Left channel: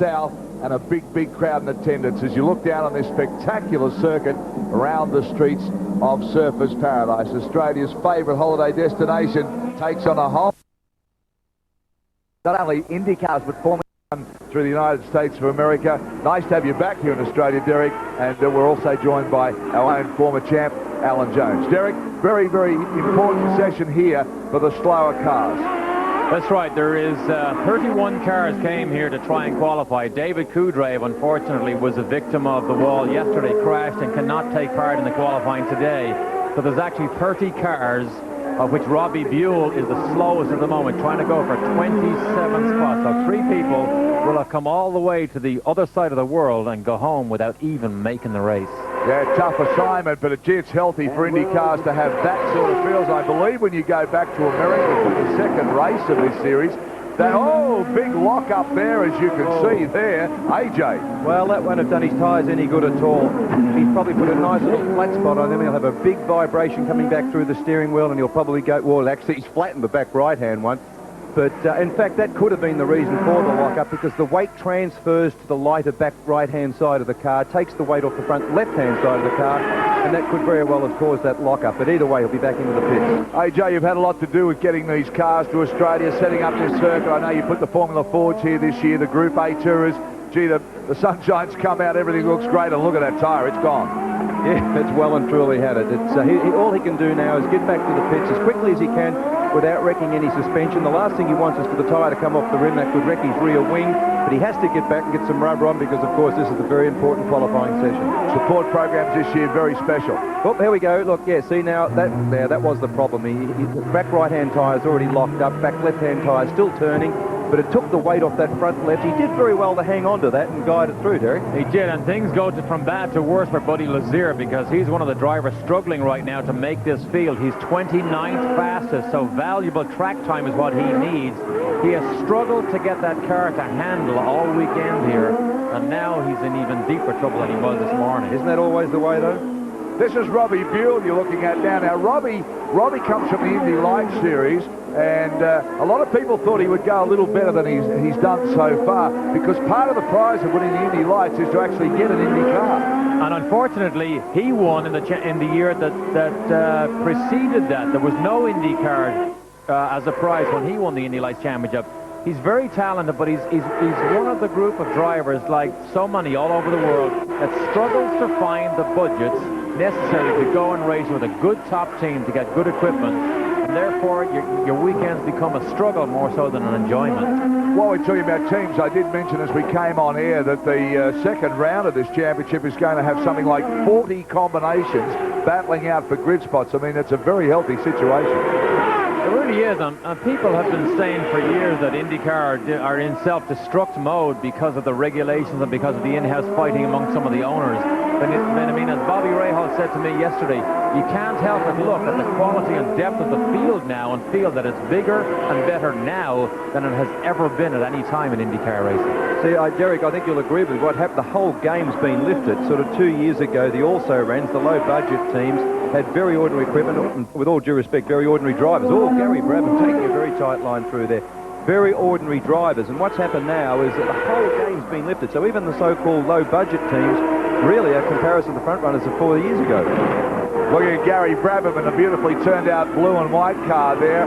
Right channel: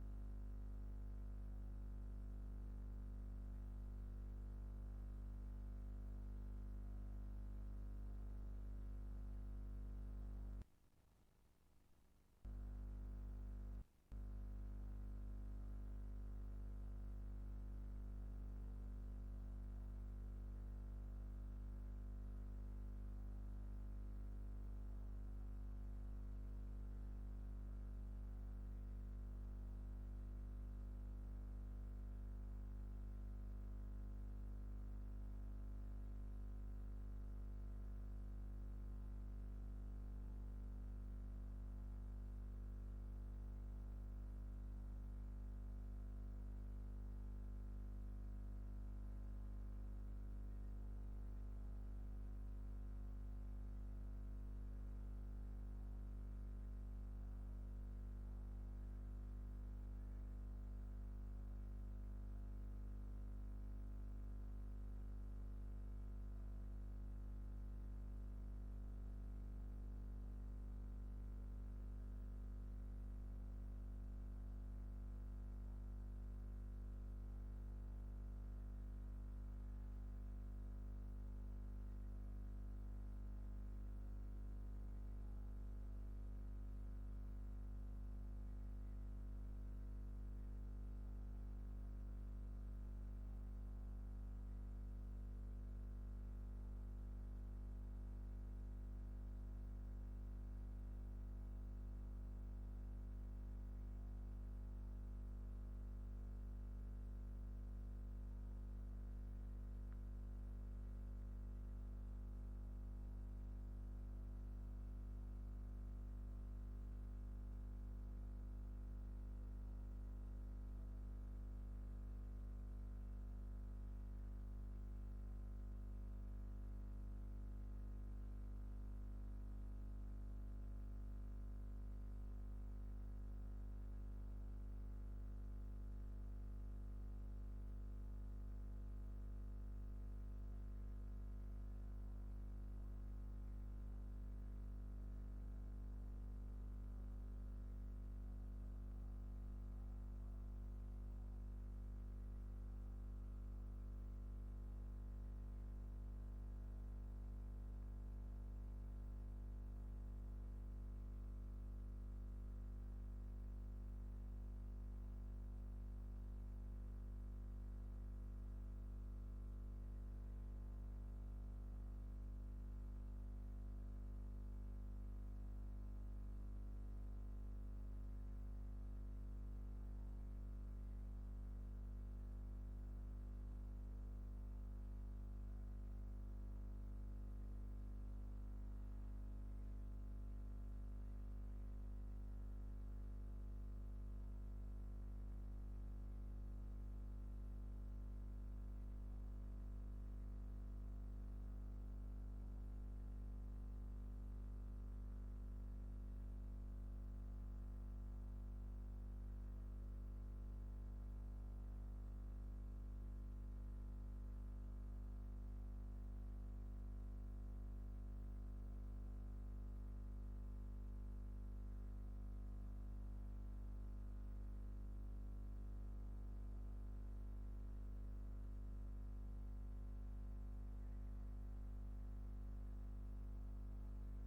south, and a big crowd in attendance as you look down on this spectacular circuit around the streets of Surfers Paradise. Australia's favourite holiday destination takes on a whole... Not only Indy cars, but Formula One through the United States of America. Nice to have you back here in Australia, Derek, and we're also joined by our own former champ, Alan Jones. Derek, very important session here for the slower cars. That's right. There is 31 cars came here to try and qualify. David Kudrave, unfortunately, was a victim of the wall yesterday, crashed and cannot take part in the qualifying today. So there's actually 30 cars, of which Robbie Buell is the slowest at the moment, trying to go for 27 spots. So 3 people will have come all the way to the other side of the world and go home without even making the race. Yeah, tough assignment, but gee, it's healthy for Indy cars to have that sort of fields. I believe when you go back to America for the second race of this series, that, big lock up there, as you can see there. AJ. Well, that won't have done his tyres any good at all. He's probably put a nice little flat spot on them. He'll have a big vibration coming back through the steering wheel, and he'll probably go, well, actually, he's flattened the back right-hand one. But, in fact, that could have been the reason for the lock-up, because the weight transfers to the lighter back right-hand side of the car, takes the weight off the front left-hand side of the car, and that could very well have caused that lock-up. But either way, he'll be back into the pits. AJ, you've had a lot to do with getting these cars to Australia, setting up this circuit. I know you put the Formula Fords here this year, the Group A Tourers. Gee, the sunshine's come out, everything looks great, and look at that tyre, it's gone. Yeah, it's well and truly had it. It's, all he can do now is get back to the pits as quickly as he can without wrecking any suspension. The last thing he wants is for the tyre to come off the rim. That could wreck his rear wing, but he has to get back and get some rubber on because, of course, this is a very important qualifying session. Support programs this year, very special. Oh, there we go. Look, yeah, see now, that was the problem. The back right-hand tyre's already locked up, back left-hand tyre still turning, but it took the weight off that front left. He did very well to hang on to that and guide it through, Derek. He did, and things go from bad to worse for Buddy Lazier, because he's one of the drivers struggling right now to make this field. He's 29th fastest, so valuable track time is what he needs. He has struggled to get that car to handle all weekend here, and now he's in even deeper trouble than he was this morning. Isn't that always the way, though? This is Robbie Buell you're looking at now. Now, Robbie comes from the Indy Lights series, and a lot of people thought he would go a little better than he's done so far, because part of the prize of winning the Indy Lights is to actually get an Indy car. And unfortunately, he won in the year that preceded that. There was no Indy car as a prize when he won the Indy Lights Championship. He's very talented, but he's one of the group of drivers, like so many all over the world, that struggles to find the budgets necessary to go and race with a good top team to get good equipment, and therefore your weekends become a struggle more so than an enjoyment. While we're talking about teams, I did mention as we came on air that the second round of this championship is going to have something like 40 combinations battling out for grid spots. I mean, it's a very healthy situation. It really is, and people have been saying for years that IndyCar are in self-destruct mode because of the regulations and because of the in-house fighting among some of the owners. But I mean, as Bobby Rahal said to me yesterday, you can't help but look at the quality and depth of the field now and feel that it's bigger and better now than it has ever been at any time in IndyCar racing. See, Derek, I think you'll agree with what happened. The whole game's been lifted. Sort of 2 years ago, the also-rans, the low-budget teams, had very ordinary equipment, and with all due respect, very ordinary drivers. Oh, Gary Brabham taking a very tight line through there. Very ordinary drivers, and what's happened now is that the whole game's been lifted. So even the so-called low-budget teams really are comparison to the front runners of 4 years ago. Looking at Gary Brabham in a beautifully turned out blue and white car there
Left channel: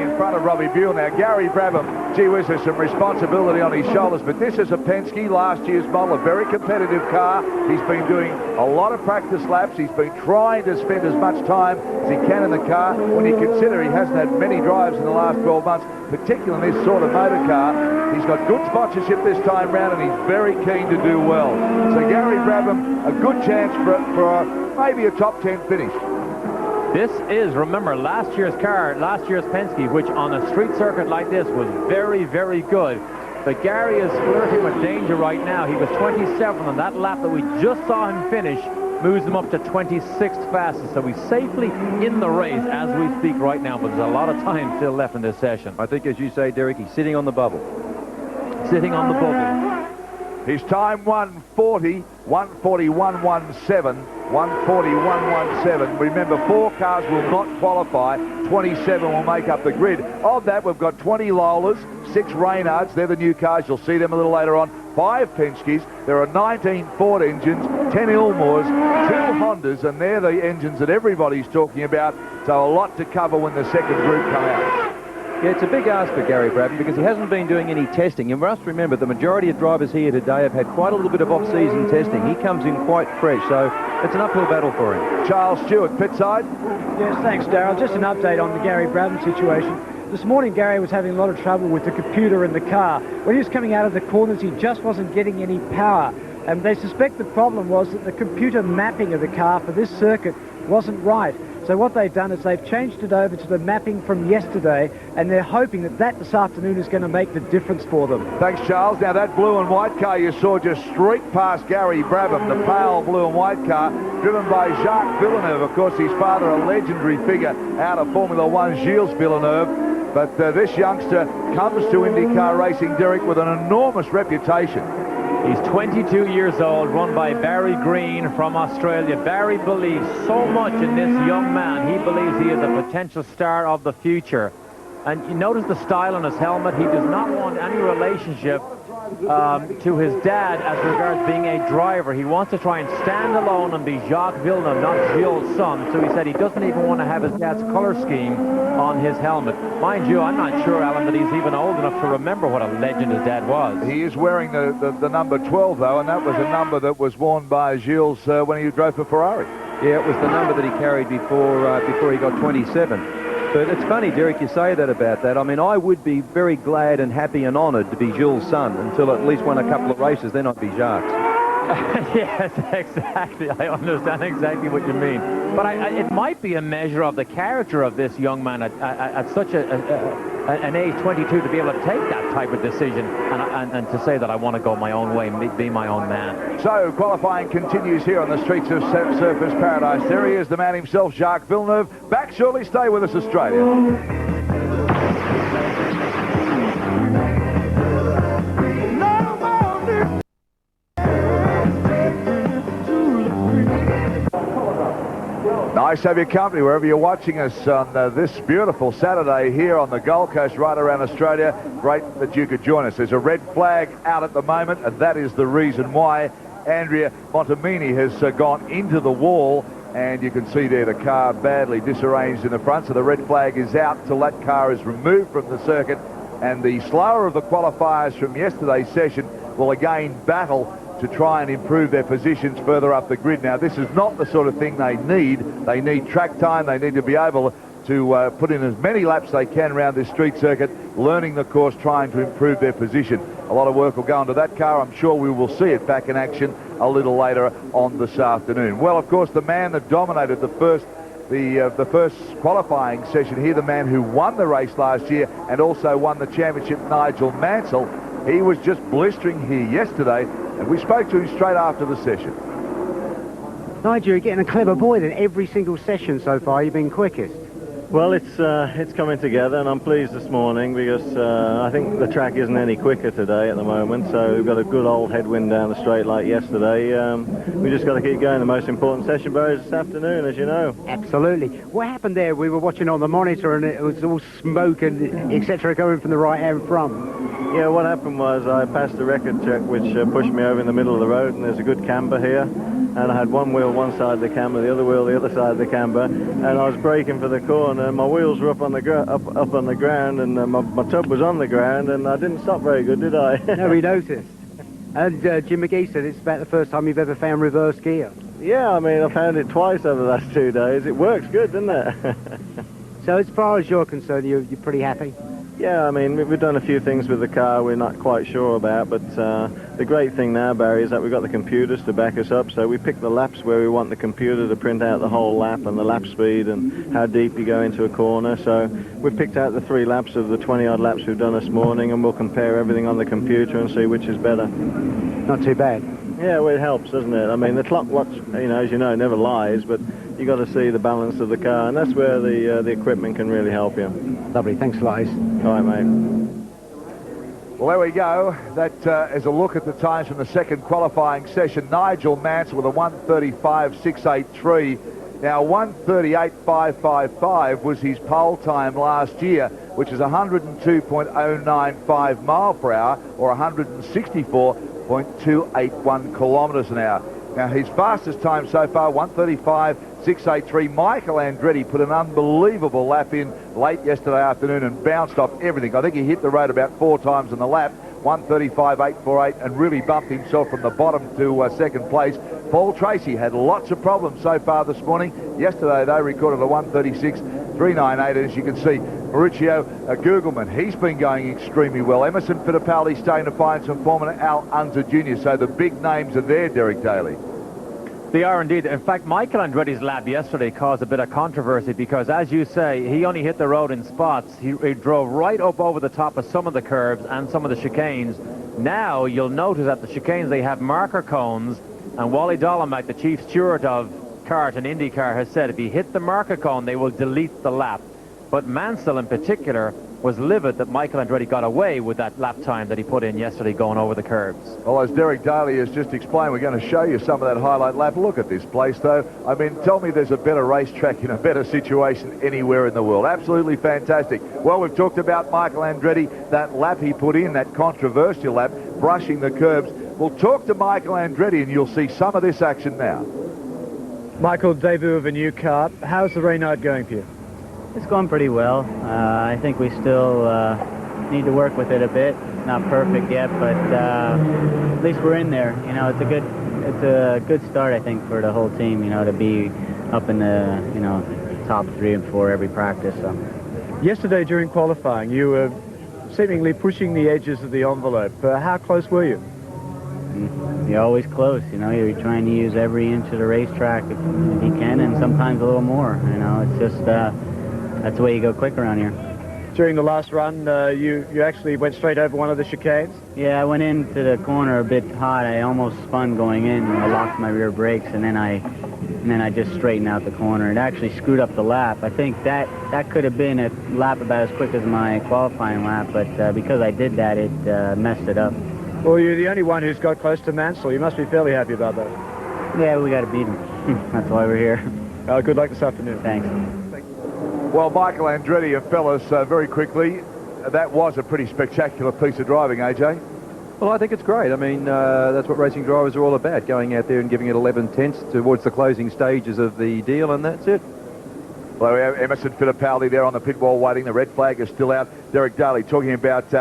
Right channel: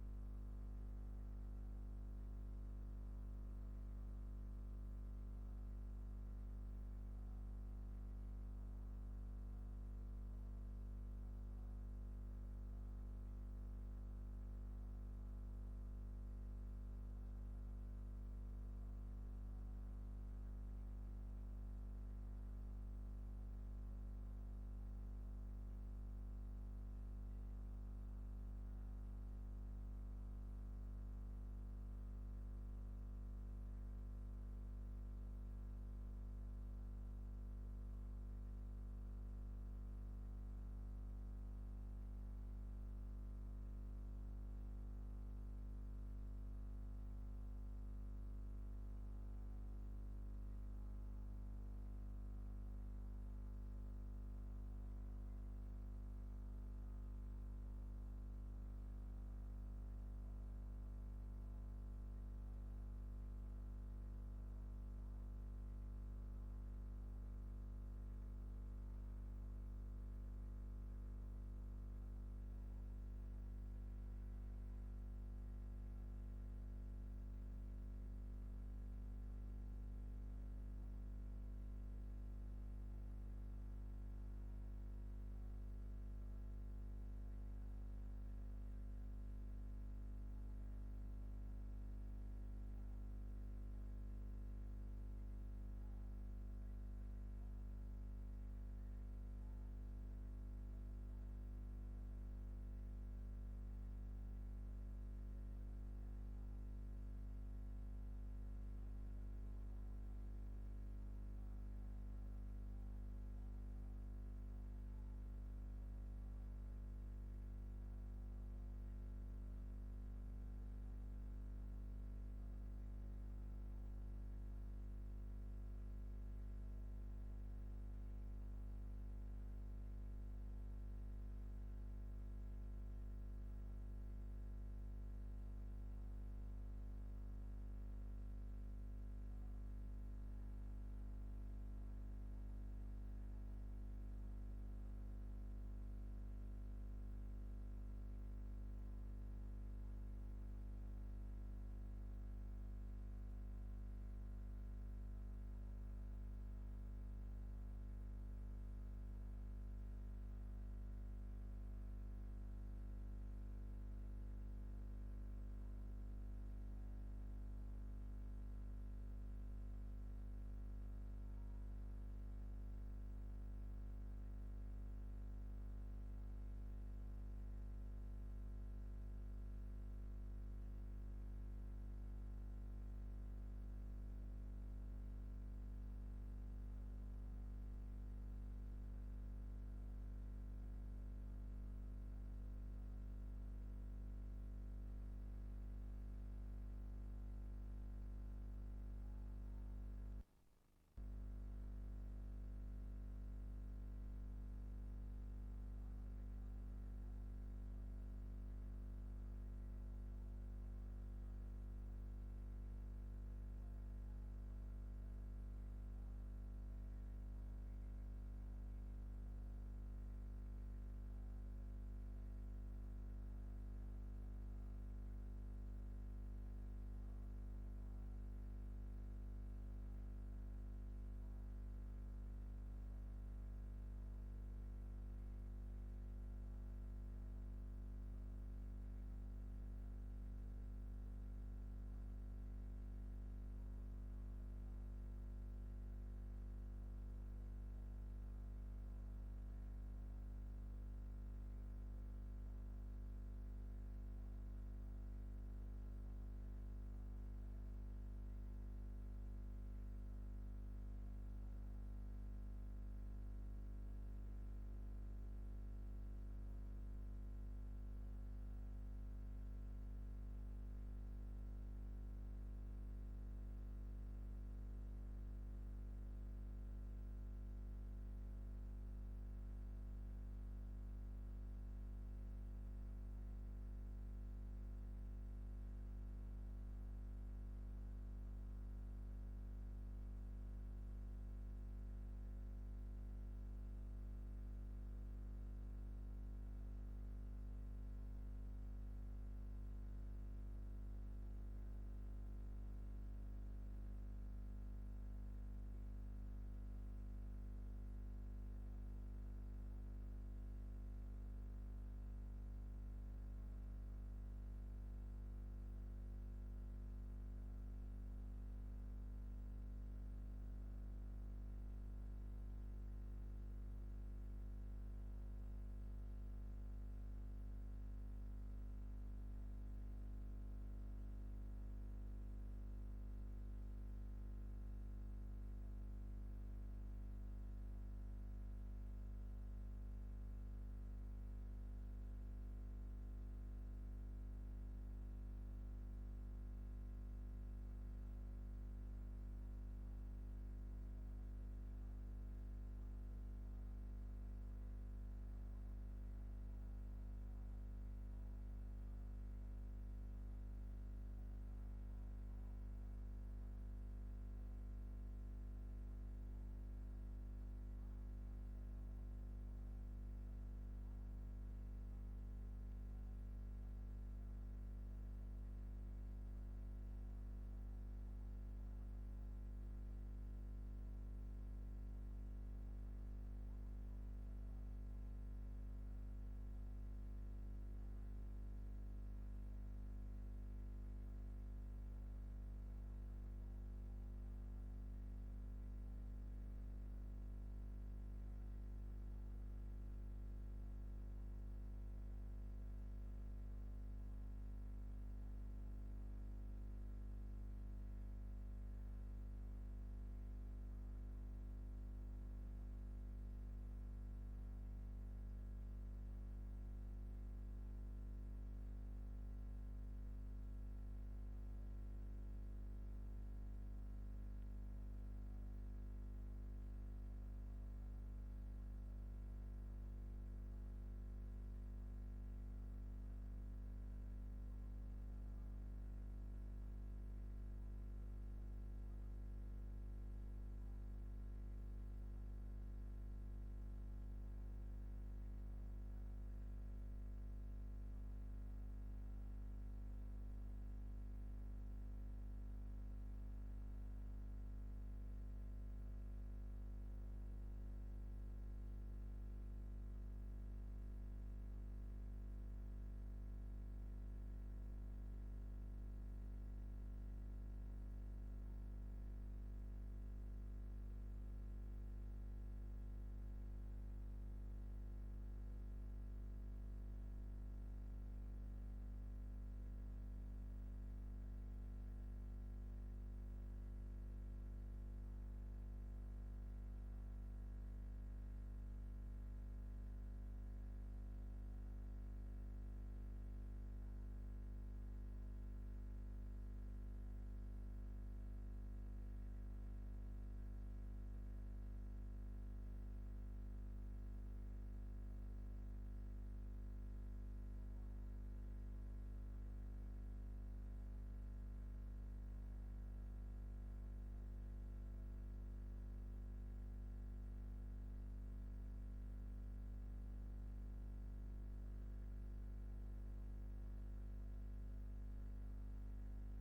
in front of Robbie Buell. Now, Gary Brabham, gee whiz, there's some responsibility on his shoulders, but this is a Penske last year's model, a very competitive car. He's been doing a lot of practice laps. He's been trying to spend as much time as he can in the car. When you consider he hasn't had many drives in the last 12 months, particularly in this sort of motor car, he's got good sponsorship this time round, and he's very keen to do well. So Gary Brabham, a good chance for maybe a top 10 finish. This is, remember, last year's Penske, which on a street circuit like this was very, very good. But Gary is flirting with danger right now. He was 27th on that lap that we just saw him finish, moves him up to 26th fastest. So he's safely in the race as we speak right now, but there's a lot of time still left in this session. I think, as you say, Derek, he's sitting on the bubble. Sitting on the bubble. His time 1:40, 1:41.17, 1:41.17. Remember, 4 cars will not qualify, 27 will make up the grid. Of that, we've got 20 Lolas, 6 Reynards. They're the new cars. You'll see them a little later on. 5 Penskes, there are 19 Ford engines, 10 Ilmores, 2 Hondas, and they're the engines that everybody's talking about. So a lot to cover when the second group come out. Yeah, it's a big ask for Gary Brabham because he hasn't been doing any testing. And we must remember the majority of drivers here today have had quite a little bit of off-season testing. He comes in quite fresh, so it's an uphill battle for him. Charles Stewart, pit side. Yes, thanks, Darryl. Just an update on the Gary Brabham situation. This morning, Gary was having a lot of trouble with the computer in the car. When he was coming out of the corners, he just wasn't getting any power. And they suspect the problem was that the computer mapping of the car for this circuit wasn't right. So what they've done is they've changed it over to the mapping from yesterday, and they're hoping that this afternoon is going to make the difference for them. Thanks, Charles. Now, that blue and white car you saw just streak past Gary Brabham, the pale blue and white car, driven by Jacques Villeneuve. Of course, his father, a legendary figure out of Formula One, Gilles Villeneuve. But this youngster comes to IndyCar racing, Derek, with an enormous reputation. He's 22 years old, run by Barry Green from Australia. Barry believes so much in this young man. He believes he is a potential star of the future. And you notice the style on his helmet. He does not want any relationship to his dad as regards being a driver. He wants to try and stand alone and be Jacques Villeneuve, not Gilles' son. So he said he doesn't even want to have his dad's color scheme on his helmet. Mind you, I'm not sure, Alan, that he's even old enough to remember what a legend his dad was. He is wearing the number 12, though, and that was a number that was worn by Gilles when he drove for Ferrari. Yeah, it was the number that he carried before he got 27. But it's funny, Derek, you say that about that. I mean, I would be very glad and happy and honoured to be Gilles' son until at least won a couple of races, then I'd be Jacques. Yes, exactly. I understand exactly what you mean. But it might be a measure of the character of this young man at such an age, 22, to be able to take that type of decision and to say that I want to go my own way and be my own man. So qualifying continues here on the streets of Surfers Paradise. There he is, the man himself, Jacques Villeneuve. Back shortly. Stay with us, Australia. Nice to have your company wherever you're watching us on this beautiful Saturday here on the Gold Coast, right around Australia. Great that you could join us. There's a red flag out at the moment, and that is the reason why Andrea Montemini has gone into the wall, and you can see there the car badly disarranged in the front, so the red flag is out till that car is removed from the circuit, and the slower of the qualifiers from yesterday's session will again battle to try and improve their positions further up the grid. Now, this is not the sort of thing they need. They need track time. They need to be able to put in as many laps they can around this street circuit, learning the course, trying to improve their position. A lot of work will go into that car. I'm sure we will see it back in action a little later on this afternoon. Well, of course, the man that dominated the first qualifying session here, the man who won the race last year and also won the championship, Nigel Mansell, he was just blistering here yesterday, and we spoke to him straight after the session. Nigel, you're getting a clever boy in every single session so far. You've been quickest. Well, it's coming together, and I'm pleased this morning because I think the track isn't any quicker today at the moment, so we've got a good old headwind down the straight like yesterday. We just got to keep going. The most important session, Barry, is this afternoon, as you know. Absolutely. What happened there? We were watching on the monitor, and it was all smoke and etc. going from the right-hand front. Yeah, what happened was I passed the record check, which pushed me over in the middle of the road, and there's a good camber here, and I had one wheel one side of the camber, the other wheel the other side of the camber, and I was braking for the corner. My wheels were up on the ground, and my tub was on the ground, and I didn't stop very good, did I? No, we noticed. And Jim McGee said it's about the first time you've ever found reverse gear. Yeah, I mean, I found it twice over the last 2 days. It works good, doesn't it? So as far as you're concerned, you're pretty happy? Yeah, I mean, we've done a few things with the car we're not quite sure about, but the great thing now, Barry, is that we've got the computers to back us up, so we pick the laps where we want the computer to print out the whole lap and the lap speed and how deep you go into a corner. So we've picked out the 3 laps of the 20-odd laps we've done this morning, and we'll compare everything on the computer and see which is better. Not too bad. Yeah, well, it helps, doesn't it? I mean, the clock watch, as you know, never lies, but you got to see the balance of the car, and that's where the equipment can really help you. Lovely, thanks a lot, Ace. All right, mate. Well, there we go. That is a look at the times from the second qualifying session. Nigel Mansell with a 1:35.683. Now, 1:38.555 was his pole time last year, which is 102.095 mile per hour, or 164 0.281 kilometres an hour. Now, his fastest time so far, 1:35.683. Michael Andretti put an unbelievable lap in late yesterday afternoon and bounced off everything. I think he hit the road about 4 times on the lap, 1:35.848, and really bumped himself from the bottom to second place. Paul Tracy had lots of problems so far this morning. Yesterday, they recorded a 1:36.398, and as you can see, Mauricio Gugelman, he's been going extremely well. Emerson Fittipaldi starting to find some form, and Al Unser Jr. So the big names are there, Derek Daly. They are indeed. In fact, Michael Andretti's lap yesterday caused a bit of controversy because, as you say, he only hit the road in spots. He drove right up over the top of some of the curves and some of the chicanes. Now, you'll notice at the chicanes they have marker cones, and Wally Dolomite, the chief steward of kart and IndyCar, has said if you hit the marker cone, they will delete the lap. But Mansell, in particular, was livid that Michael Andretti got away with that lap time that he put in yesterday going over the curves. Well, as Derek Daly has just explained, we're going to show you some of that highlight lap. Look at this place, though. I mean, tell me there's a better racetrack in a better situation anywhere in the world. Absolutely fantastic. Well, we've talked about Michael Andretti, that lap he put in, that controversial lap, brushing the curbs. We'll talk to Michael Andretti, and you'll see some of this action now. Michael, debut of a new car. How's the rain night going for you? It's going pretty well. I think we still need to work with it a bit. Not perfect yet, but at least we're in there. You know, it's a good start, I think, for the whole team. You know, to be up in the top 3 and 4 every practice. So. Yesterday during qualifying, you were seemingly pushing the edges of the envelope. How close were you? You're always close. You know, you're trying to use every inch of the racetrack if you can, and sometimes a little more. You know, it's just. That's the way you go quick around here. During the last run, you actually went straight over one of the chicanes? Yeah, I went into the corner a bit hot. I almost spun going in. I locked my rear brakes, and then I just straightened out the corner. It actually screwed up the lap. I think that could have been a lap about as quick as my qualifying lap, but because I did that, it messed it up. Well, you're the only one who's got close to Mansell. You must be fairly happy about that. Yeah, we got to beat him. That's why we're here. Good luck this afternoon. Thanks. Well, Michael Andretti, fellas, very quickly, that was a pretty spectacular piece of driving, AJ. Well, I think it's great. I mean, that's what racing drivers are all about, going out there and giving it 11 tenths towards the closing stages of the deal, and that's it. Well, we have Emerson Fittipaldi there on the pit wall waiting. The red flag is still out. Derek Daly talking about...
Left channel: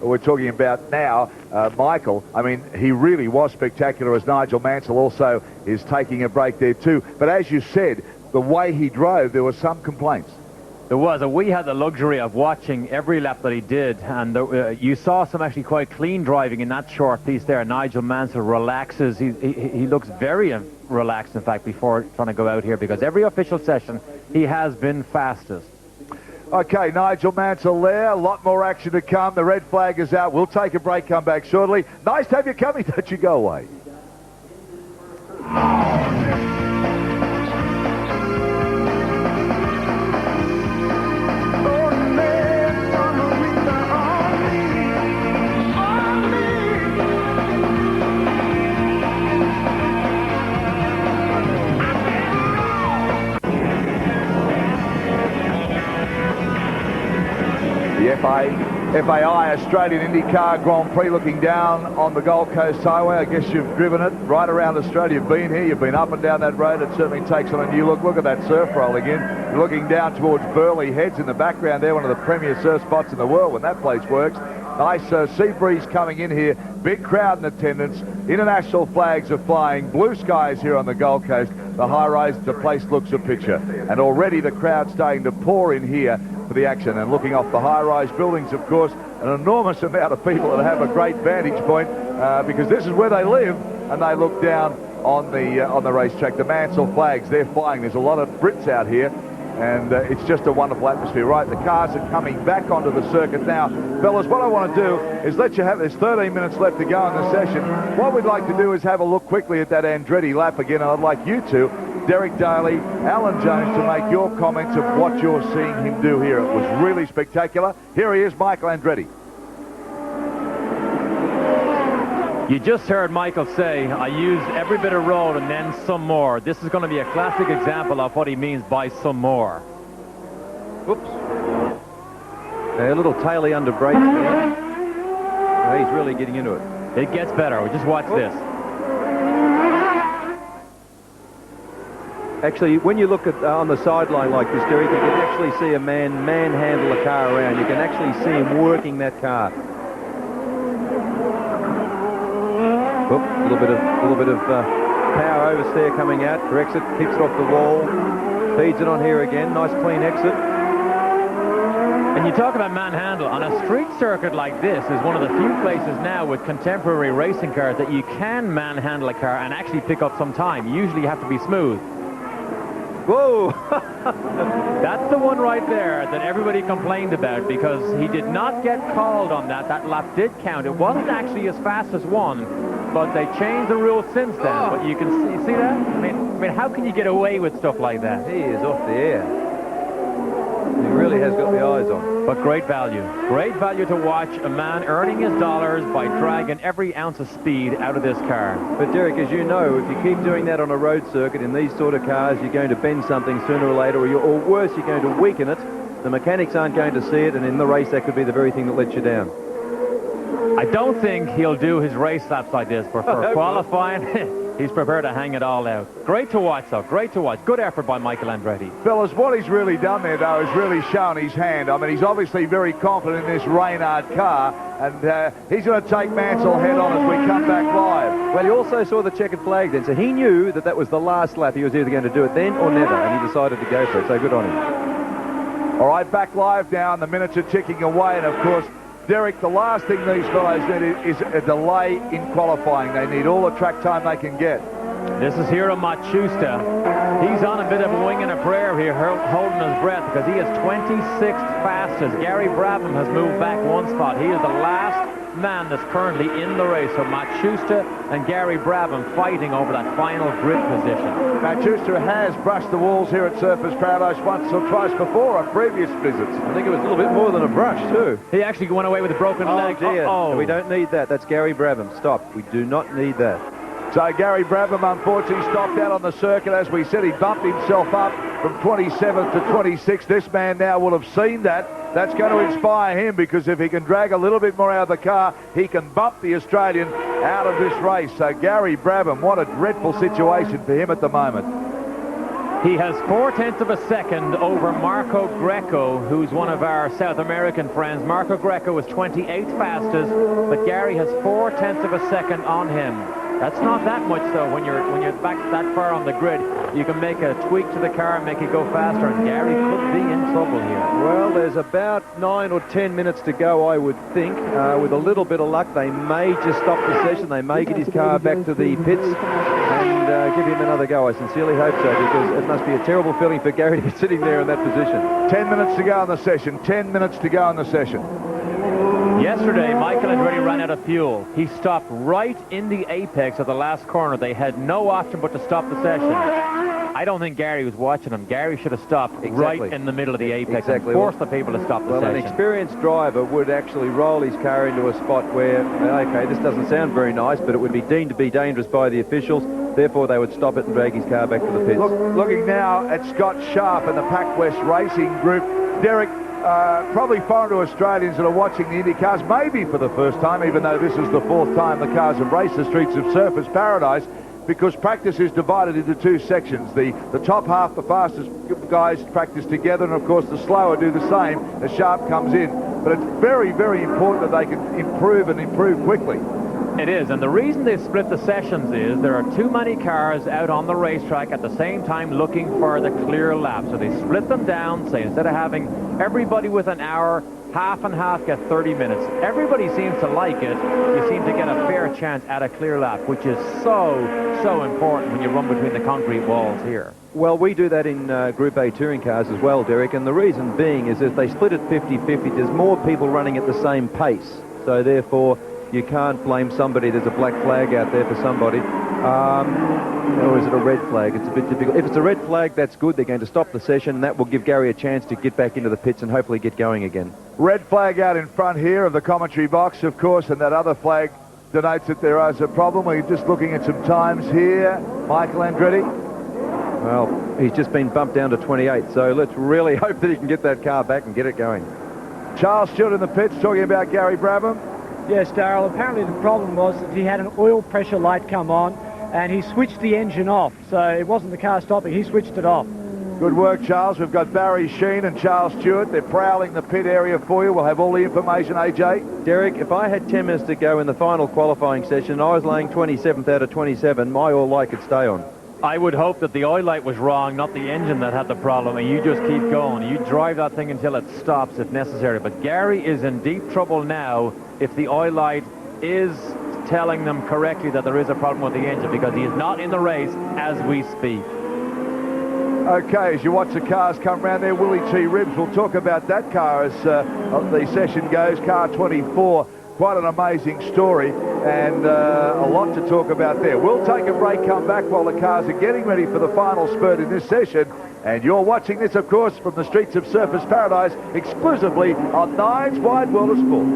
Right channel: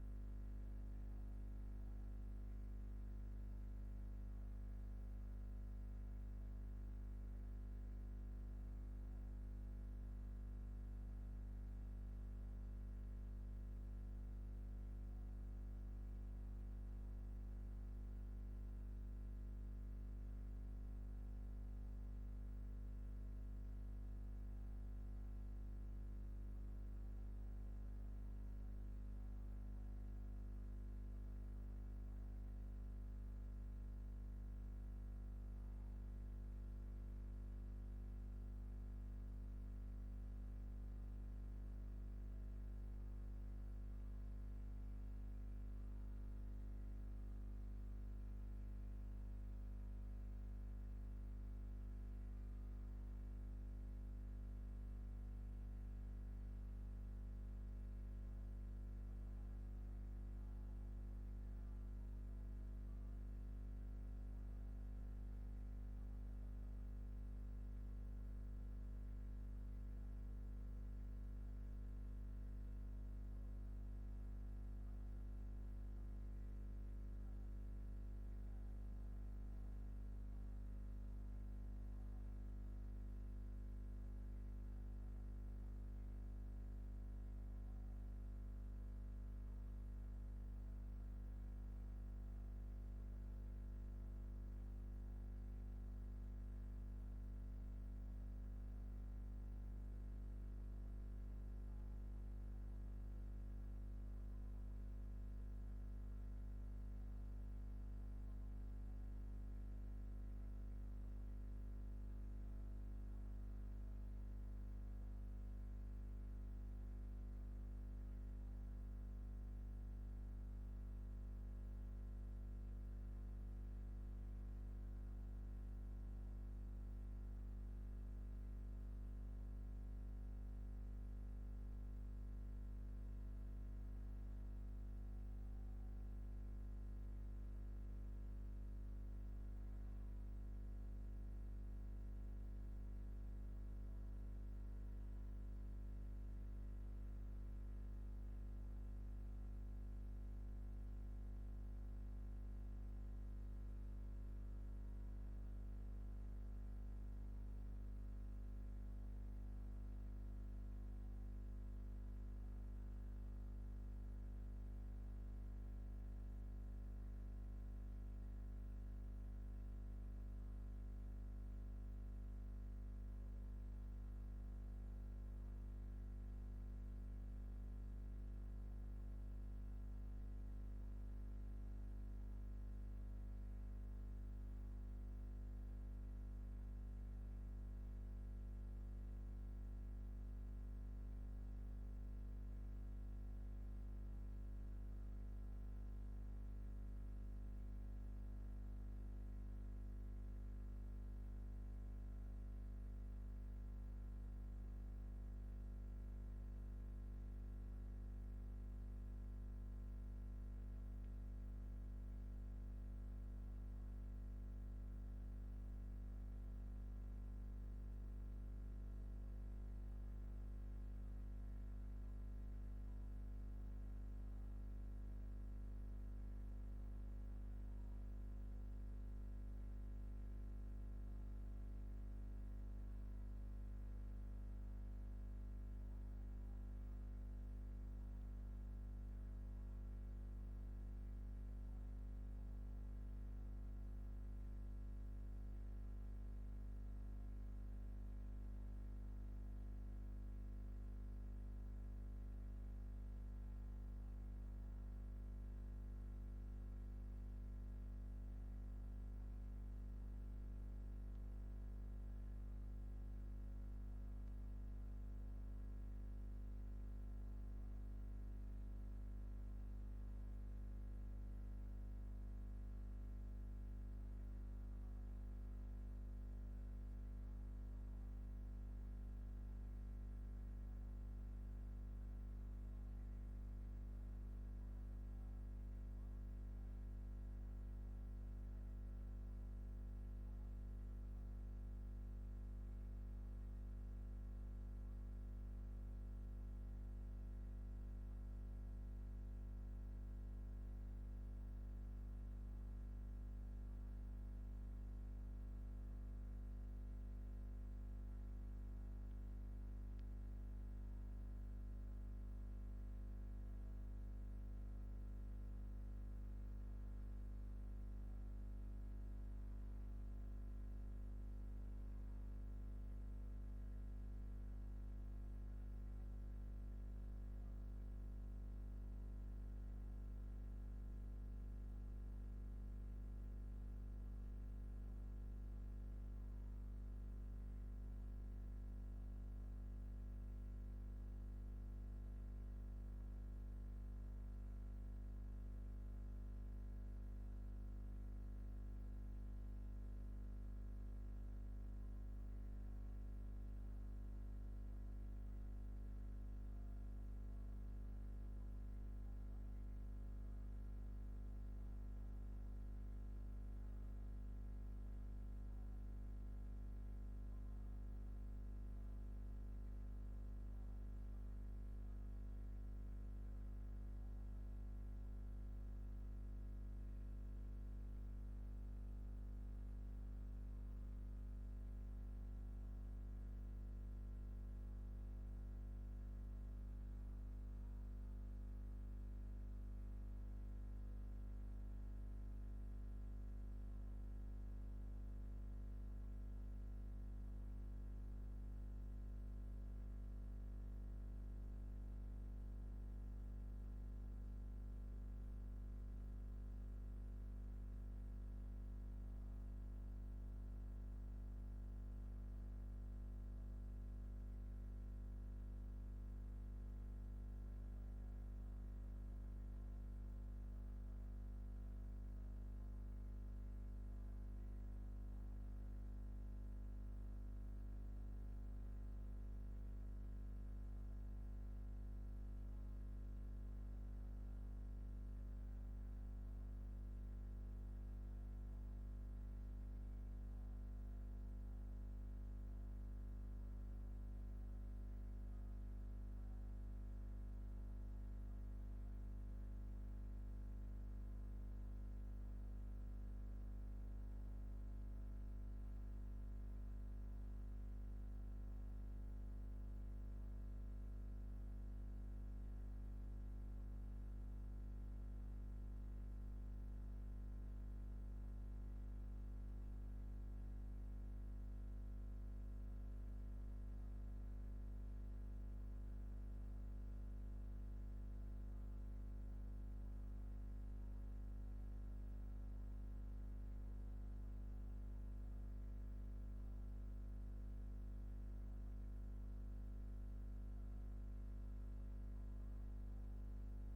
we're talking about now, Michael. I mean, he really was spectacular, as Nigel Mansell also is taking a break there too. But as you said, the way he drove, there were some complaints. There was, and we had the luxury of watching every lap that he did, and you saw some actually quite clean driving in that short piece there. Nigel Mansell relaxes. He looks very relaxed, in fact, before trying to go out here, because every official session he has been fastest. Okay, Nigel Mansell there. A lot more action to come. The red flag is out. We'll take a break, come back shortly. Nice to have you coming. Don't you go away. FAI Australian IndyCar Grand Prix, looking down on the Gold Coast Highway. I guess you've driven it right around Australia. You've been here, you've been up and down that road. It certainly takes on a new look. Look at that surf rolling in. You're looking down towards Burleigh Heads in the background there, one of the premier surf spots in the world when that place works. Nice sea breeze coming in here. Big crowd in attendance. International flags are flying. Blue skies here on the Gold Coast. The high-rise, the place looks a picture. And already the crowd starting to pour in here for the action. And looking off the high-rise buildings, of course, an enormous amount of people that have a great vantage point because this is where they live, and they look down on the racetrack. The Mansell flags, they're flying. There's a lot of Brits out here, and it's just a wonderful atmosphere. Right, the cars are coming back onto the circuit now. Fellas, what I want to do is let you have, there's 13 minutes left to go in the session. What we'd like to do is have a look quickly at that Andretti lap again, and I'd like you two, Derek Daly, Alan Jones, to make your comments of what you're seeing him do here. It was really spectacular. Here he is, Michael Andretti. You just heard Michael say, I used every bit of road and then some more. This is going to be a classic example of what he means by some more. Whoops. A little taily under brakes there. He's really getting into it. It gets better. Just watch this. Actually, when you look at on the sideline like this, Derek, you can actually see a man manhandle a car around. You can actually see him working that car. Oop, a little bit of power oversteer coming out. Corrects it, keeps it off the wall, feeds it on here again. Nice clean exit. And you talk about manhandle. On a street circuit like this is one of the few places now with contemporary racing cars that you can manhandle a car and actually pick up some time. Usually you have to be smooth. Whoa! That's the one right there that everybody complained about because he did not get called on that. That lap did count. It wasn't actually as fast as one, but they changed the rules since then. But you can see that? I mean, how can you get away with stuff like that? He is off the air. He really has got the eyes on. But great value. Great value to watch a man earning his dollars by dragging every ounce of speed out of this car. But Derek, as you know, if you keep doing that on a road circuit in these sort of cars, you're going to bend something sooner or later, or worse, you're going to weaken it. The mechanics aren't going to see it, and in the race, that could be the very thing that lets you down. I don't think he'll do his race laps like this, but for qualifying, he's prepared to hang it all out. Great to watch, though. Great to watch. Good effort by Michael Andretti. Fellas, what he's really done there, though, is really shown his hand. I mean, he's obviously very confident in this Reynard car, and he's going to take Mansell head on as we come back live. Well, he also saw the checkered flag then, so he knew that that was the last lap. He was either going to do it then or never, and he decided to go for it, so good on him. All right, back live now, and the minutes are ticking away, and of course, Derek, the last thing these fellows need is a delay in qualifying. They need all the track time they can get. This is Hiro Matsushita. He's on a bit of a wing and a prayer here, holding his breath, because he is 26th fastest. Gary Brabham has moved back one spot. He is the last man that's currently in the race. So Matsushita and Gary Brabham fighting over that final grid position. Matsushita has brushed the walls here at Surfers Paradise once or twice before on previous visits. I think it was a little bit more than a brush, too. He actually went away with a broken leg. Dear. Uh-oh. We don't need that. That's Gary Brabham. Stop. We do not need that. So Gary Brabham unfortunately stopped out on the circuit. As we said, he bumped himself up from 27th to 26th. This man now will have seen that. That's going to inspire him, because if he can drag a little bit more out of the car, he can bump the Australian out of this race. So Gary Brabham, what a dreadful situation for him at the moment. He has 0.4 of a second over Marco Greco, who's one of our South American friends. Marco Greco is 28th fastest, but Gary has 0.4 of a second on him. That's not that much, though. When you're back that far on the grid, you can make a tweak to the car and make it go faster, and Gary could be in trouble here. Well, there's about 9 or 10 minutes to go, I would think. With a little bit of luck, they may just stop the session. They may get his car back to the pits and give him another go. I sincerely hope so, because it must be a terrible feeling for Gary to be sitting there in that position. 10 minutes to go in the session. 10 minutes to go in the session. Yesterday, Michael Andretti ran out of fuel. He stopped right in the apex of the last corner. They had no option but to stop the session. I don't think Gary was watching him. Gary should have stopped right in the middle of the apex and forced the people to stop the session. An experienced driver would actually roll his car into a spot where, okay, this doesn't sound very nice, but it would be deemed to be dangerous by the officials. Therefore, they would stop it and drag his car back to the pits. Looking now at Scott Sharp and the Pac West Racing Group. Derek, probably foreign to Australians that are watching the Indy cars, maybe for the first time, even though this is the 4th time the cars have raced the streets of Surfers Paradise, because practice is divided into 2 sections. The top half, the fastest guys practice together, and of course the slower do the same as Sharp comes in. But it's very, very important that they can improve and improve quickly. It is, and the reason they split the sessions is there are too many cars out on the racetrack at the same time looking for the clear lap. So they split them down, say instead of having everybody with an hour, half and half get 30 minutes. Everybody seems to like it. You seem to get a fair chance at a clear lap, which is so important when you run between the concrete walls here. Well, we do that in Group A touring cars as well, Derek, and the reason being is if they split it 50-50, there's more people running at the same pace. So therefore, you can't blame somebody. There's a black flag out there for somebody. Or is it a red flag? It's a bit difficult. If it's a red flag, that's good. They're going to stop the session, and that will give Gary a chance to get back into the pits and hopefully get going again. Red flag out in front here of the commentary box, of course, and that other flag denotes that there is a problem. We're just looking at some times here. Michael Andretti. Well, he's just been bumped down to 28, so let's really hope that he can get that car back and get it going. Charles Stewart in the pits talking about Gary Brabham. Yes, Darryl, apparently the problem was that he had an oil pressure light come on and he switched the engine off. So it wasn't the car stopping, he switched it off. Good work, Charles. We've got Barry Sheen and Charles Stewart. They're prowling the pit area for you. We'll have all the information, AJ. Derek, if I had 10 minutes to go in the final qualifying session and I was laying 27th out of 27, my oil light could stay on. I would hope that the oil light was wrong, not the engine that had the problem, and you just keep going. You drive that thing until it stops if necessary. But Gary is in deep trouble now if the oil light is telling them correctly that there is a problem with the engine, because he is not in the race as we speak. Okay, as you watch the cars come round there, Willie T. Ribbs, we'll talk about that car as the session goes. Car 24, quite an amazing story, and a lot to talk about there. We'll take a break, come back while the cars are getting ready for the final spurt in this session. And you're watching this, of course, from the streets of Surfers Paradise, exclusively on Nine's Wide World of Sports.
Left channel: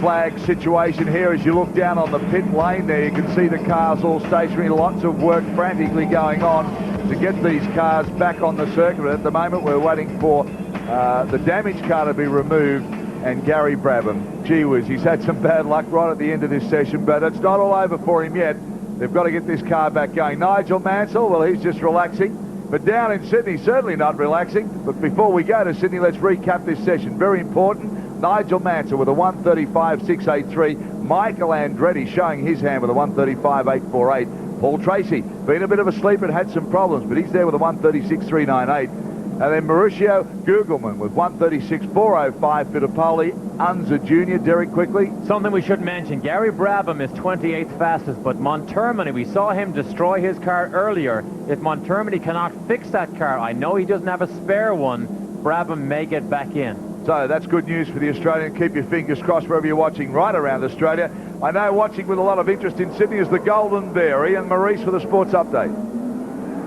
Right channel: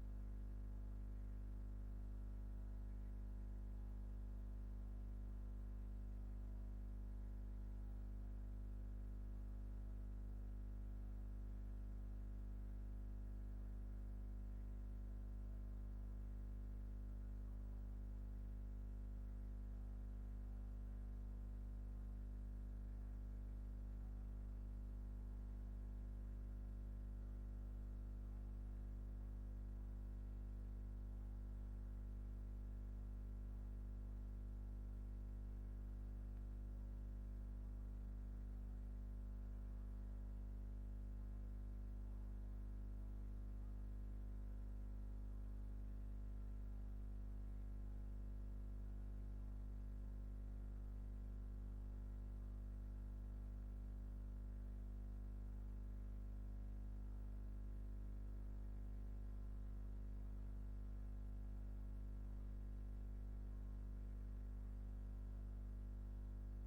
Flag situation here as you look down on the pit lane there. You can see the cars all stationary, lots of work frantically going on to get these cars back on the circuit. At the moment we're waiting for the damaged car to be removed, and Gary Brabham, gee whiz, he's had some bad luck right at the end of this session, but it's not all over for him yet. They've got to get this car back going. Nigel Mansell, well, he's just relaxing, but down in Sydney certainly not relaxing. But before we go to Sydney, let's recap this session. Very important. Nigel Mansell with a 135.683. Michael Andretti showing his hand with a 135.848. Paul Tracy, been a bit of a sleeper and had some problems, but he's there with a 136.398. And then Mauricio Gugelman with 136.405. Fittipaldi, Unser Jr. Derek, quickly. Something we should mention, Gary Brabham is 28th fastest, but Montermini, we saw him destroy his car earlier. If Montermini cannot fix that car, I know he doesn't have a spare one, Brabham may get back in. So that's good news for the Australian. Keep your fingers crossed wherever you're watching right around Australia. I know watching with a lot of interest in Sydney is the Golden Bear. Ian Maurice for the Sports Update.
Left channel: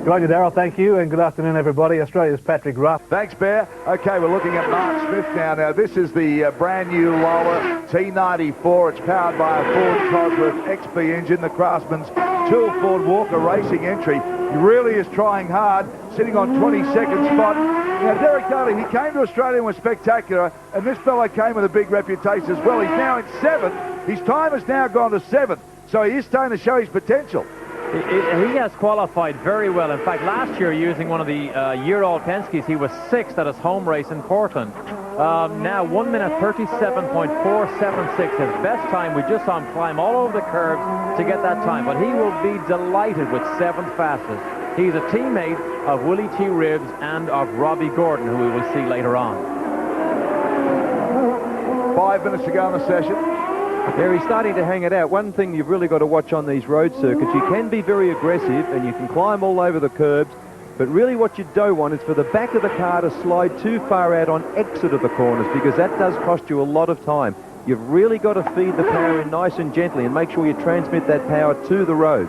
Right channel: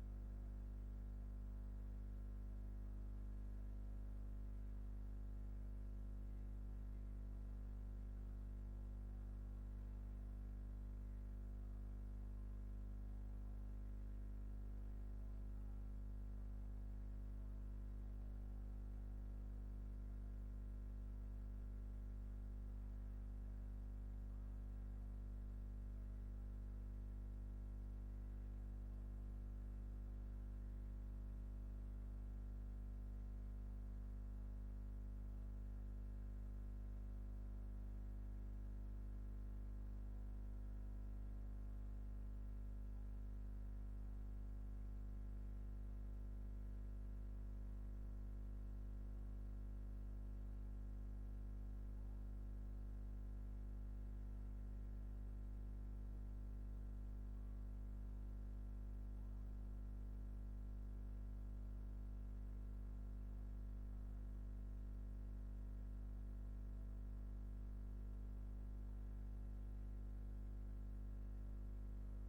Good day, Darryl. Thank you, and good afternoon, everybody. Australia's Patrick Ruff. Thanks, Bear. Okay, we're looking at Mark Smith now. Now, this is the brand new Lola T94. It's powered by a Ford Cosworth XP engine, the Craftsman's Tool Ford Walker Racing entry. He really is trying hard, sitting on 22nd spot. Now, Derek Daly, he came to Australia and was spectacular, and this fellow came with a big reputation as well. He's now in 7th. His time has now gone to 7th, so he is starting to show his potential. He has qualified very well. In fact, last year, using one of the year-old Penske's, he was 6th at his home race in Portland. Now, 1 minute 37.476, his best time. We just saw him climb all over the curves to get that time, but he will be delighted with 7th fastest. He's a teammate of Willie T. Ribbs and of Robbie Gordon, who we will see later on. 5 minutes to go in the session. There, he's starting to hang it out. One thing you've really got to watch on these road circuits, you can be very aggressive and you can climb all over the curbs, but really what you don't want is for the back of the car to slide too far out on exit of the corners, because that does cost you a lot of time. You've really got to feed the power in nice and gently and make sure you transmit that power to the road.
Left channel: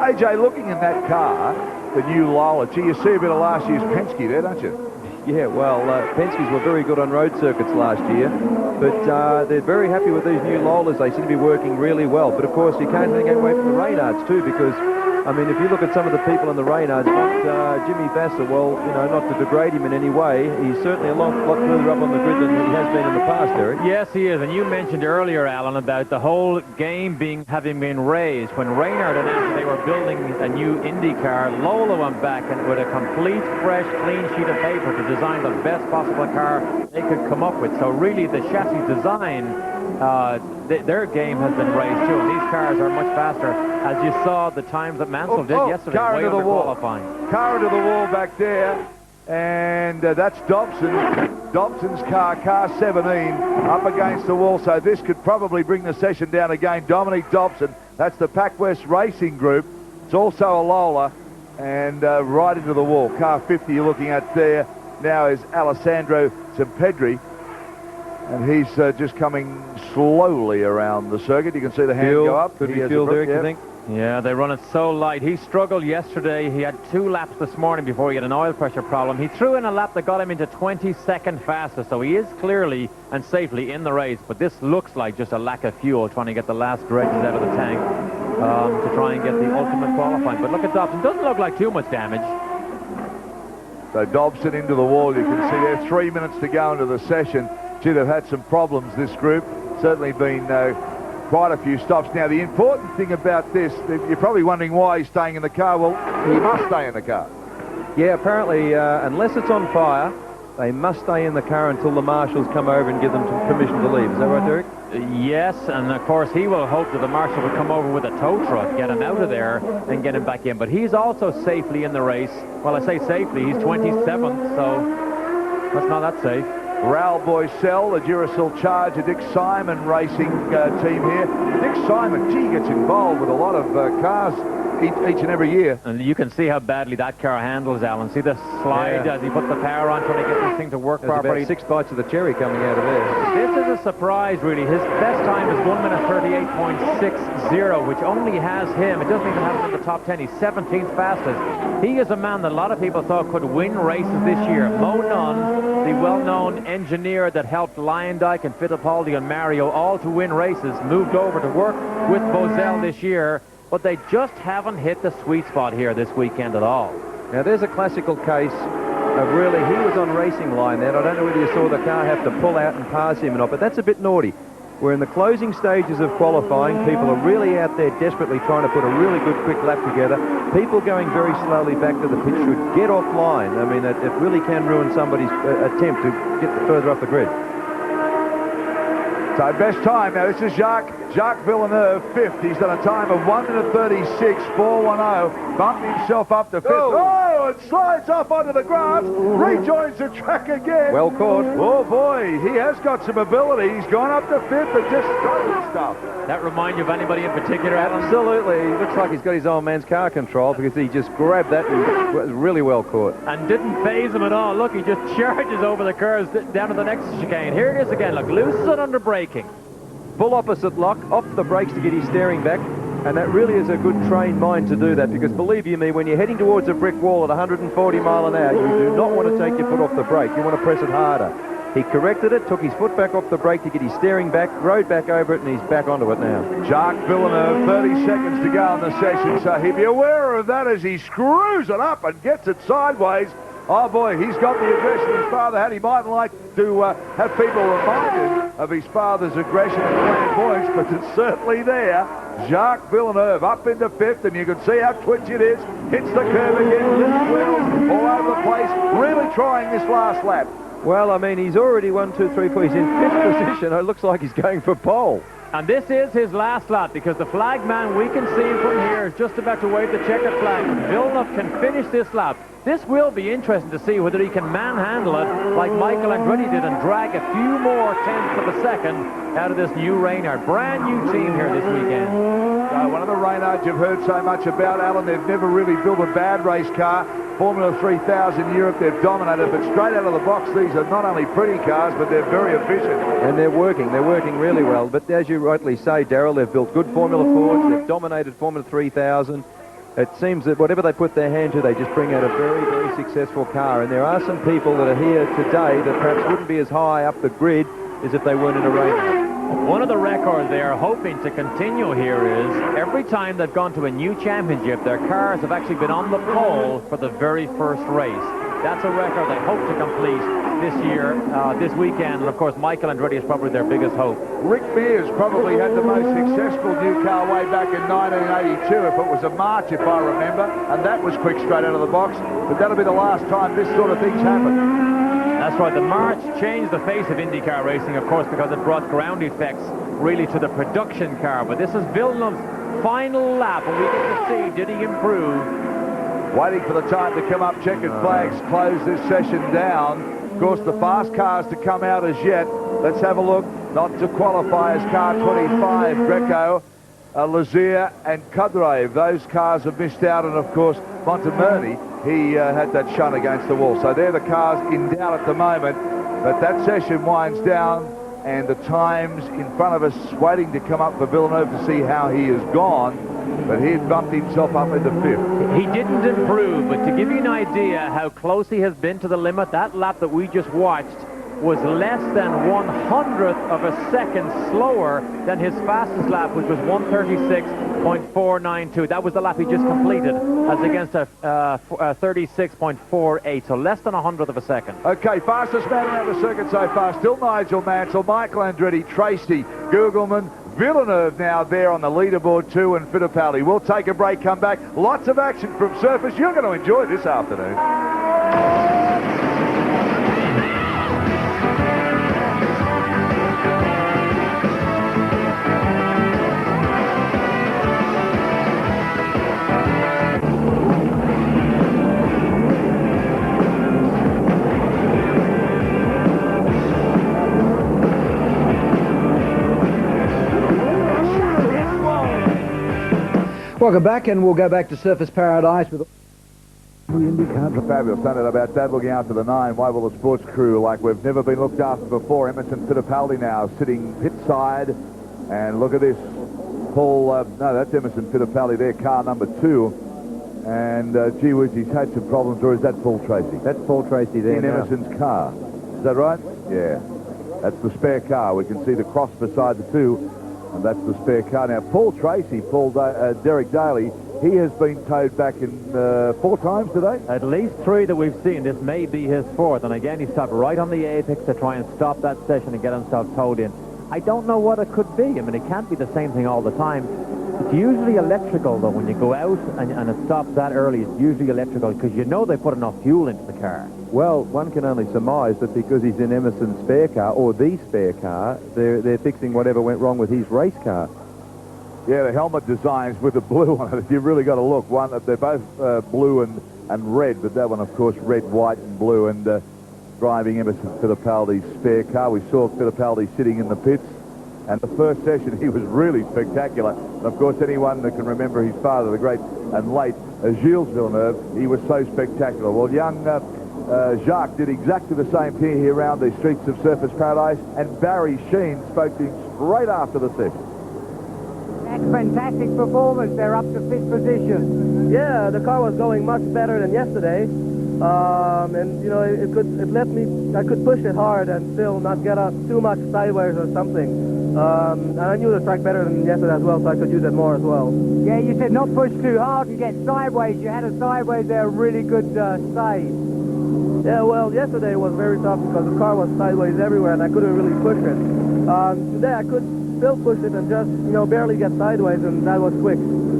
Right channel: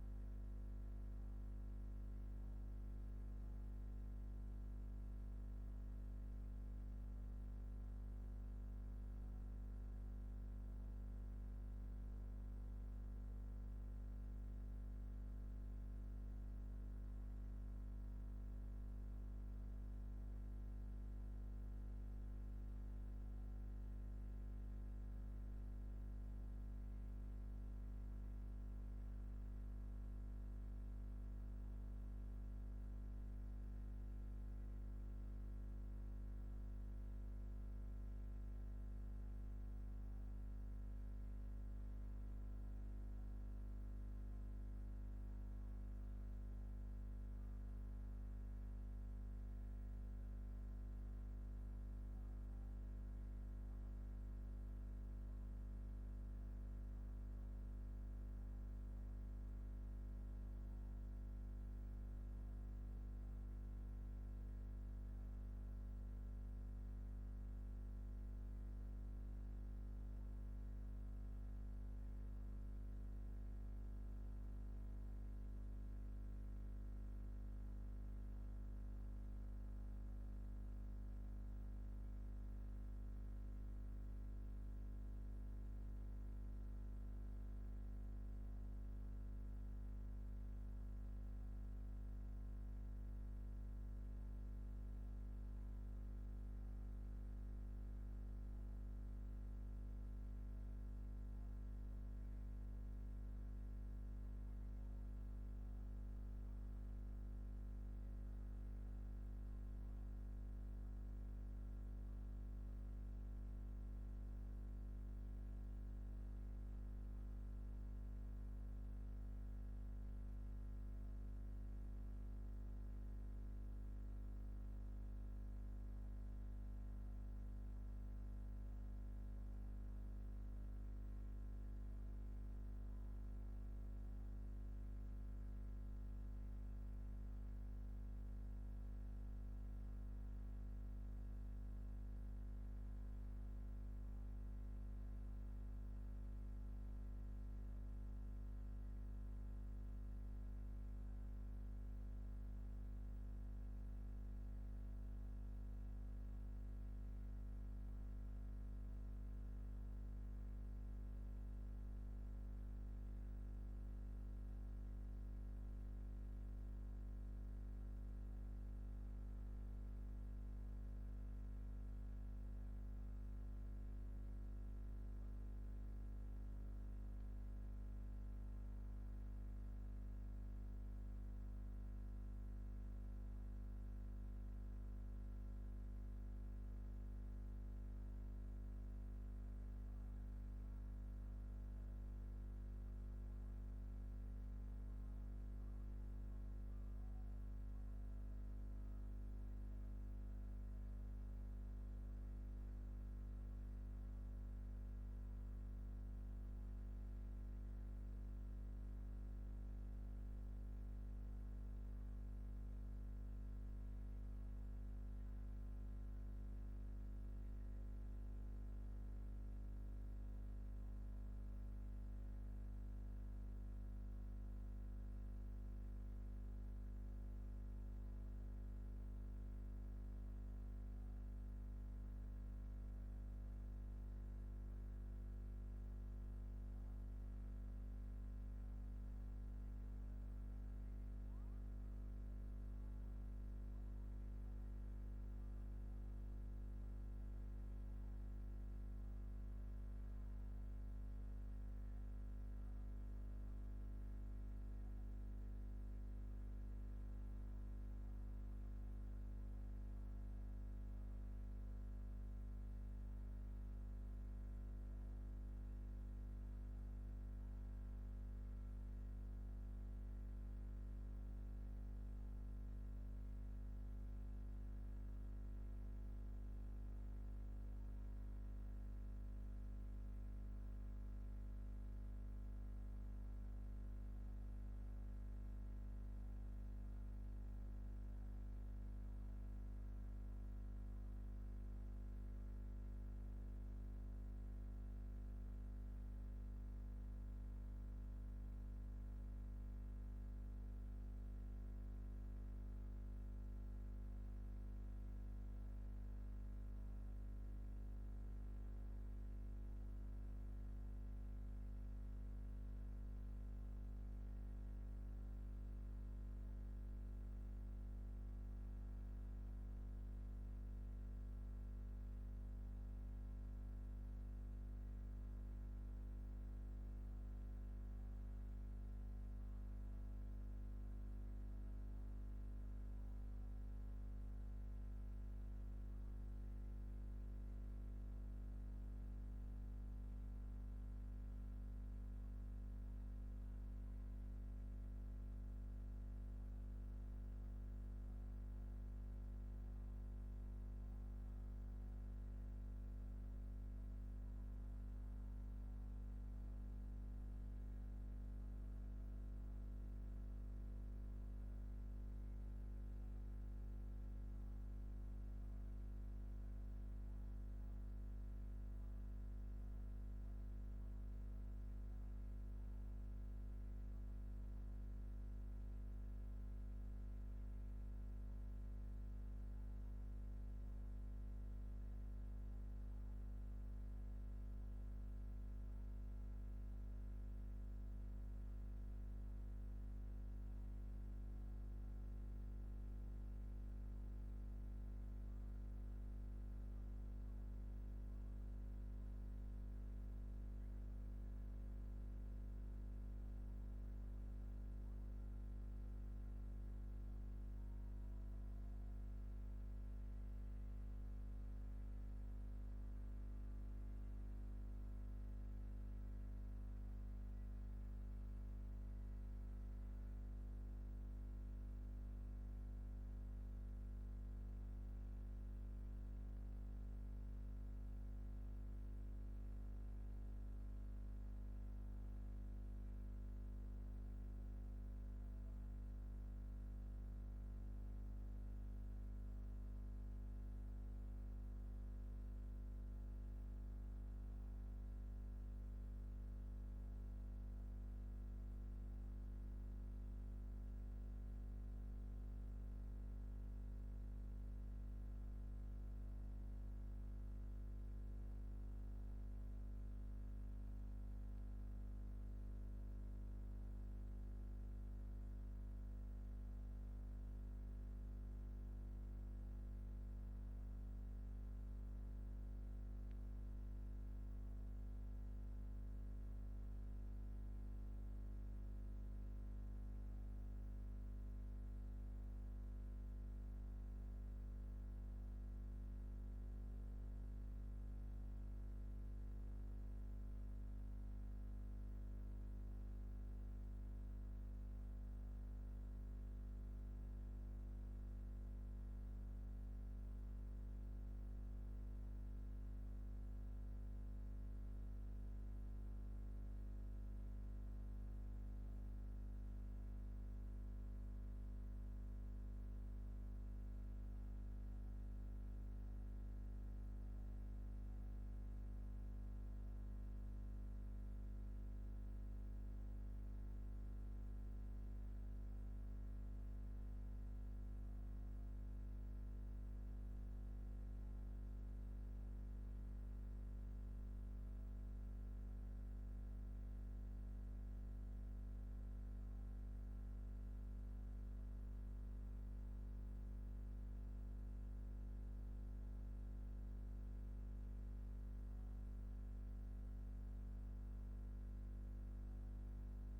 AJ, looking in that car, the new Lola, gee, you see a bit of last year's Penske there, don't you? Yeah, well, Penske's were very good on road circuits last year, but they're very happy with these new Lolas. They seem to be working really well. But, of course, you can't take away from the Reynards, too, because, I mean, if you look at some of the people in the Reynards, not Jimmy Vasser, well, you know, not to degrade him in any way, he's certainly a lot further up on the grid than he has been in the past, Eric. Yes, he is. And you mentioned earlier, Alan, about the whole game having been raised. When Reynard announced they were building a new Indy car, Lola went back and with a complete, fresh, clean sheet of paper to design the best possible car they could come up with. So really the chassis design, their game has been raised too. And these cars are much faster, as you saw the times that Mansell did yesterday. Car into the wall. Qualifying. Car into the wall back there, and that's Dobson. Dobson's car 17, up against the wall. So this could probably bring the session down again. Dominic Dobson, that's the PacWest Racing Group. It's also a Lola, and right into the wall. Car 50 you're looking at there now is Alessandro Zampedri, and he's just coming slowly around the circuit. You can see the hand go up. Could be fuel there, you think? Yeah, they run it so light. He struggled yesterday. He had 2 laps this morning before he had an oil pressure problem. He threw in a lap that got him into 22nd fastest, so he is clearly and safely in the race, but this looks like just a lack of fuel, trying to get the last dregs out of the tank. to try and get the ultimate qualifying. But look at Dobson. Doesn't look like too much damage. So Dobson into the wall. You can see there 3 minutes to go into the session. Gee, they've had some problems, this group. Certainly been quite a few stops. Now, the important thing about this, you're probably wondering why he's staying in the car. Well, he must stay in the car. Yeah, apparently, unless it's on fire, they must stay in the car until the marshals come over and give them permission to leave. Is that right, Derek? Yes, and of course he will hope that the marshal will come over with a tow truck, get him out of there and get him back in. But he's also safely in the race. Well, I say safely, he's 27th, so that's not that safe. Raoul Boycell, the Duracell Charger, Dick Simon racing team here. Dick Simon, gee, gets involved with a lot of cars each and every year. And you can see how badly that car handles, Alan. See the slide as he puts the power on, trying to get this thing to work There's properly. about 6 bites of the cherry coming out of there. This is a surprise, really. His best time is 1 minute 38.60, which only has him. It doesn't even have him in the top 10. He's 17th fastest. He is a man that a lot of people thought could win races this year. Mo Nunn, the well-known engineer that helped Lyondike and Fittipaldi and Mario all to win races, moved over to work with Boiselle this year. But they just haven't hit the sweet spot here this weekend at all. Now, there's a classical case of really, he was on racing line then. I don't know whether you saw the car have to pull out and pass him or not, but that's a bit naughty. We're in the closing stages of qualifying. People are really out there desperately trying to put a really good quick lap together. People going very slowly back to the pit should get offline. I mean, it really can ruin somebody's attempt to get further up the grid. So best time now, this is Jacques Villeneuve, 5th. He's done a time of 1 minute 36.410. Bumped himself up to 5th. Oh, it slides off onto the grass. Rejoins the track again. Well caught. Oh boy, he has got some ability. He's gone up to 5th and just got stuff. That remind you of anybody in particular, Alan? Absolutely. He looks like he's got his old man's car control because he just grabbed that and was really well caught. And didn't phase him at all. Look, he just charges over the curves down to the next chicane. Here it is again. Look, loses it under braking. Full opposite lock, off the brakes to get his steering back, and that really is a good trained mind to do that, because believe you me, when you're heading towards a brick wall at 140 mile an hour, you do not want to take your foot off the brake. You want to press it harder. He corrected it, took his foot back off the brake to get his steering back, rode back over it, and he's back onto it now. Jacques Villeneuve, 30 seconds to go in the session, so he'd be aware of that as he screws it up and gets it sideways. Oh boy, he's got the aggression his father had. He mightn't like to have people reminded of his father's aggression and flamboyance, but it's certainly there. Jacques Villeneuve up into 5th, and you can see how twitchy it is. Hits the curve again, lifts wheels all over the place, really trying this last lap. Well, I mean, he's already 1, 2, 3, 4. He's in 5th position. It looks like he's going for pole. And this is his last lap, because the flag man, we can see him from here, is just about to wave the checkered flag. Villeneuve can finish this lap. This will be interesting to see whether he can manhandle it like Michael Andretti did and drag a few more tenths of a second out of this new Reynard. Brand new team here this weekend. One of the Reynards you've heard so much about, Alan, they've never really built a bad race car. Formula 3000 Europe, they've dominated, but straight out of the box, these are not only pretty cars, but they're very efficient. And they're working really well. But as you rightly say, Darryl, they've built good Formula 4s, they've dominated Formula 3000. It seems that whatever they put their hand to, they just bring out a very, very successful car. And there are some people that are here today that perhaps wouldn't be as high up the grid as if they weren't in a race. One of the records they are hoping to continue here is every time they've gone to a new championship, their cars have actually been on the pole for the very first race. That's a record they hope to complete this year, this weekend. And of course, Michael Andretti is probably their biggest hope. Rick Mears probably had the most successful new car way back in 1982, if it was a March, if I remember, and that was quick straight out of the box. But that'll be the last time this sort of thing's happened. That's right. The March changed the face of IndyCar racing, of course, because it brought ground effects really to the production car. But this is Villeneuve's final lap, and we get to see, did he improve? Waiting for the time to come up, checkered flags close this session down. Of course, the fast cars to come out as yet. Let's have a look. Not to qualify as car 25, Greco, Lazier and Kudreve. Those cars have missed out, and of course, Montemerni, he had that shunt against the wall. So they're the cars in doubt at the moment, but that session winds down, and the times in front of us waiting to come up for Villeneuve to see how he has gone, but he had bumped himself up into 5th. He didn't improve, but to give you an idea how close he has been to the limit, that lap that we just watched, was less than 1/100th of a second slower than his fastest lap, which was 1:36.492. That was the lap he just completed, as against a 36.48, so less than 100th of a second. Okay, fastest man around the circuit so far, still Nigel Mansell, Michael Andretti, Tracy, Gugelman, Villeneuve now there on the leaderboard too, and Fittipaldi. We'll take a break, come back. Lots of action from surface. You're going to enjoy this afternoon. Welcome back, and we'll go back to Surface Paradise with Fabulous, don't know about that. Looking after the 9, why will the sports crew like we've never been looked after before. Emerson Fittipaldi now sitting pit side, and look at this. Paul, no, that's Emerson Fittipaldi there, car number 2. And gee whiz, he's had some problems, or is that Paul Tracy? That's Paul Tracy there in now. Emerson's car. Is that right? Yeah. That's the spare car. We can see the cross beside the 2. And that's the spare car. Now, Paul Tracy, Derek Daly, he has been towed back in 4 times today. At least 3 that we've seen. This may be his 4th. And again, he stopped right on the apex to try and stop that session and get himself towed in. I don't know what it could be. I mean, it can't be the same thing all the time. It's usually electrical, though. When you go out and it stops that early, it's usually electrical because you know they put enough fuel into the car. Well, one can only surmise that because he's in Emerson's spare car, or the spare car, they're fixing whatever went wrong with his race car. Yeah, the helmet designs with the blue on it. You've really got to look. One, they're both blue and red, but that one, of course, red, white, and blue. And driving Emerson Fittipaldi's spare car, we saw Fittipaldi sitting in the pits. And the first session, he was really spectacular. And of course, anyone that can remember his father, the great and late Gilles Villeneuve, he was so spectacular. Well, young Jacques did exactly the same thing here around the streets of Surface Paradise, and Barry Sheen spoke to him straight after the session. That's fantastic performance. They're up to 5th position. Yeah, the car was going much better than yesterday. And you know, I could push it hard and still not get up too much sideways or something. And I knew the track better than yesterday as well, so I could use it more as well. Yeah, you said not push too hard and get sideways. You had a sideways there, really good save. Yeah, well, yesterday was very tough because the car was sideways everywhere and I couldn't really push it. Today I could still push it and just, you know, barely get sideways, and that was quick.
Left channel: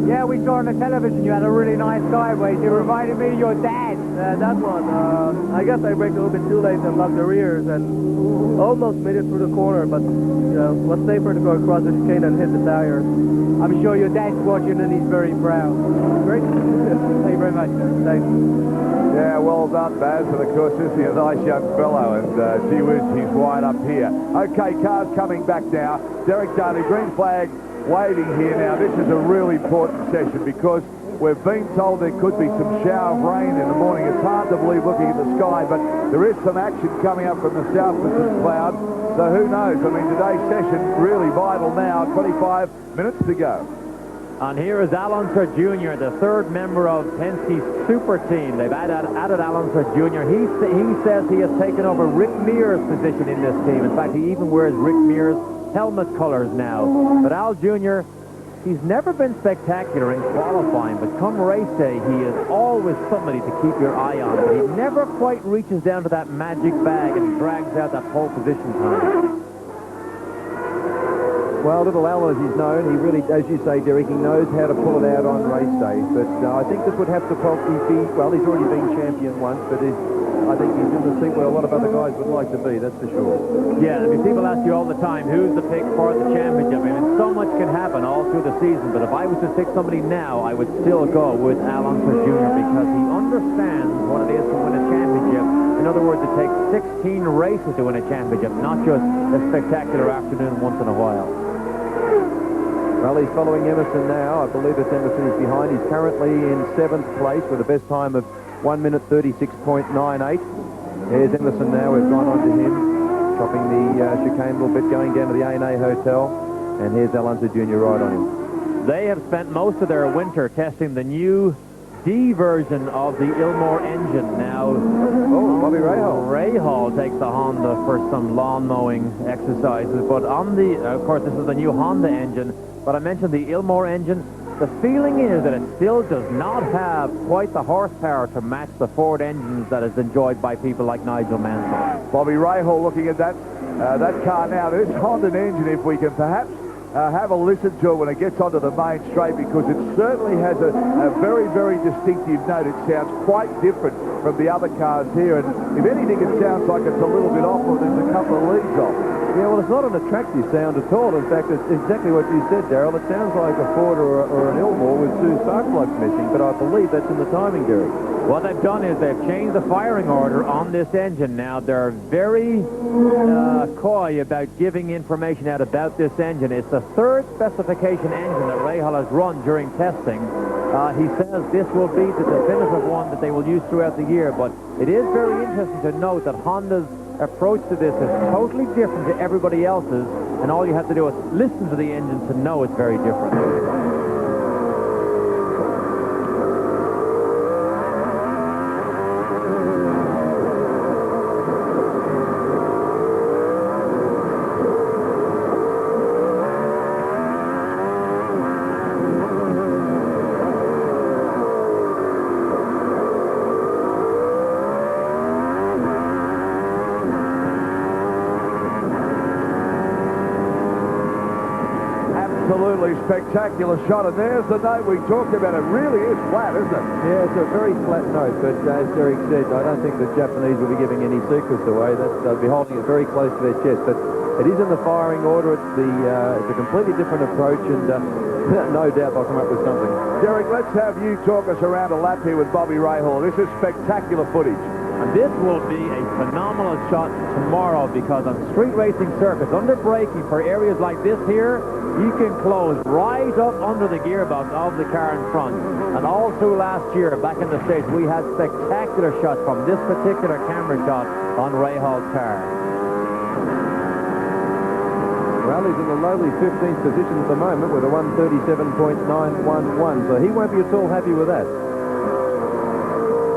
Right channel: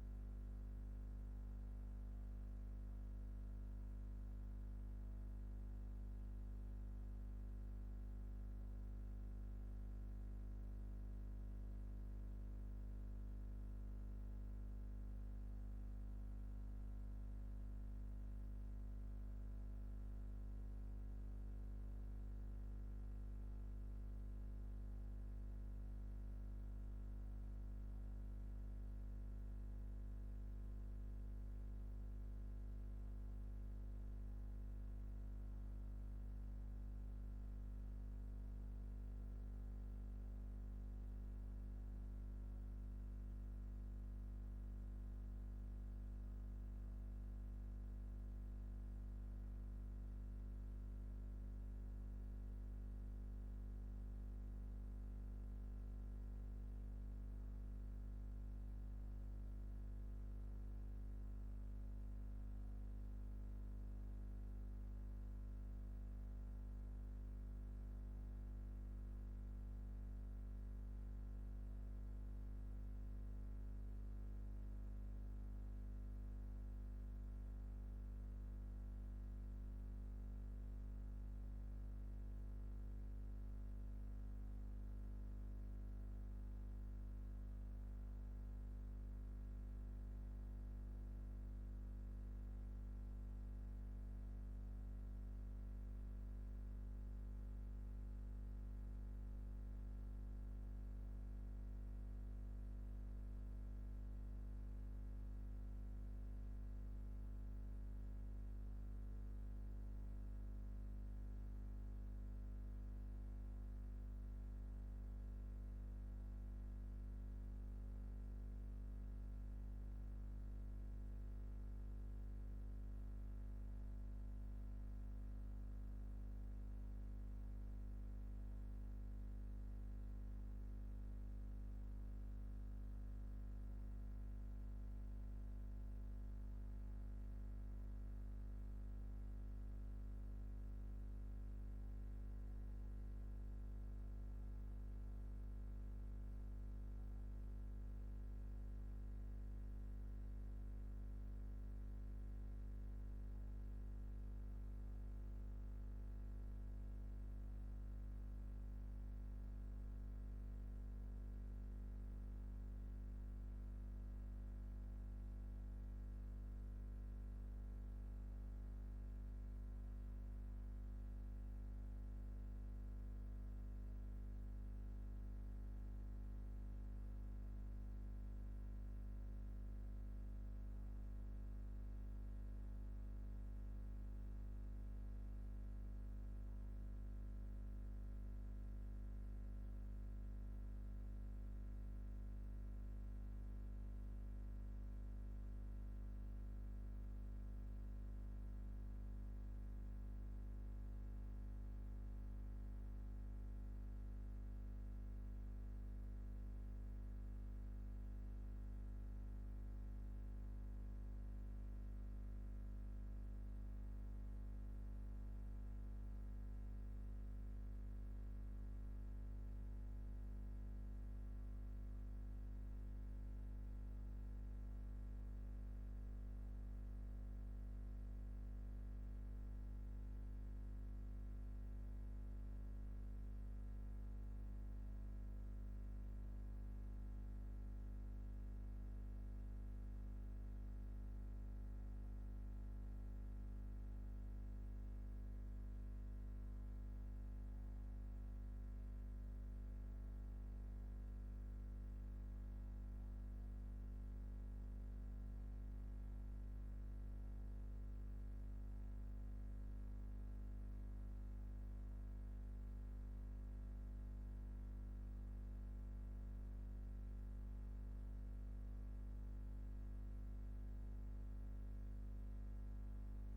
Yeah, we saw on the television you had a really nice sideways. It reminded me of your dad. That one, I guess I braked a little bit too late and locked the rears and almost made it through the corner, but you know, it was safer to go across the chicane and hit the tires. I'm sure your dad's watching and he's very proud. Great. Thank you very much. Thanks. Yeah, well done, Baz. And of course, this is a nice young fellow, and gee whiz, he's right up here. Okay, cars coming back now. Derek Daly, green flag waving here now. This is a really important session because we've been told there could be some shower of rain in the morning. It's hard to believe looking at the sky, but there is some action coming up from the south with this cloud. So who knows? I mean, today's session really vital now. 25 minutes to go. And here is Al Unser Jr., the 3rd member of Penske's super team. They've added Al Unser Jr. He says he has taken over Rick Mears' position in this team. In fact, he even wears Rick Mears' helmet colors now. But Al Jr., he's never been spectacular in qualifying, but come race day, he is always somebody to keep your eye on. But he never quite reaches down to that magic bag and drags out that pole position time. Well, little Al, as he's known, he really, as you say, Derek, he knows how to pull it out on race day. But I think this would have to probably be, well, he's already been champion once, but I think he's in the seat where a lot of other guys would like to be, that's for sure. Yeah, I mean, people ask you all the time, who's the pick for the championship? I mean, so much can happen all through the season, but if I was to pick somebody now, I would still go with Al Unser Jr. because he understands what it is to win a championship. In other words, it takes 16 races to win a championship, not just a spectacular afternoon once in a while. Well, he's following Emerson now. I believe it's Emerson is behind. He's currently in 7th place with a best time of 1 minute 36.98. Here's Emerson now. We've gone on to him, chopping the chicane a little bit, going down to the A&A Hotel. And here's Al Unser Jr. right on him. They have spent most of their winter testing the new D version of the Ilmore engine. Now, Bobby Rahal. Rahal takes the Honda for some lawn mowing exercises, but on the, of course, this is the new Honda engine, but I mentioned the Ilmore engine. The feeling is that it still does not have quite the horsepower to match the Ford engines that is enjoyed by people like Nigel Mansell. Bobby Rahal looking at that car now. This Honda engine, if we can perhaps have a listen to it when it gets onto the main straight, because it certainly has a very, very distinctive note. It sounds quite different from the other cars here, and if anything, it sounds like it's a little bit off, or there's a couple of leads off. Yeah, well, it's not an attractive sound at all. In fact, it's exactly what you said, Darryl. It sounds like a Ford or an Ilmore with two spark plugs missing, but I believe that's in the timing, Derek. What they've done is they've changed the firing order on this engine now. They're very coy about giving information out about this engine. It's the third specification engine that Rahal has run during testing. He says this will be the definitive one that they will use throughout the year, but it is very interesting to note that Honda's approach to this is totally different to everybody else's, and all you have to do is listen to the engine to know it's very different. Absolutely spectacular shot, and there's the note we talked about. It really is flat, isn't it? Yeah, it's a very flat note, but as Derek said, I don't think the Japanese will be giving any secrets away. They'll be holding it very close to their chest, but it is in the firing order. It's a completely different approach, and no doubt they'll come up with something. Derek, let's have you talk us around a lap here with Bobby Rahal. This is spectacular footage. And this will be a phenomenal shot tomorrow, because on street racing circuits, under braking for areas like this here, you can close right up under the gearbox of the car in front. And all through last year, back in the States, we had spectacular shots from this particular camera shot on Rahal's car. Well, he's in the lowly 15th position at the moment with a 137.911, so he won't be at all happy with that.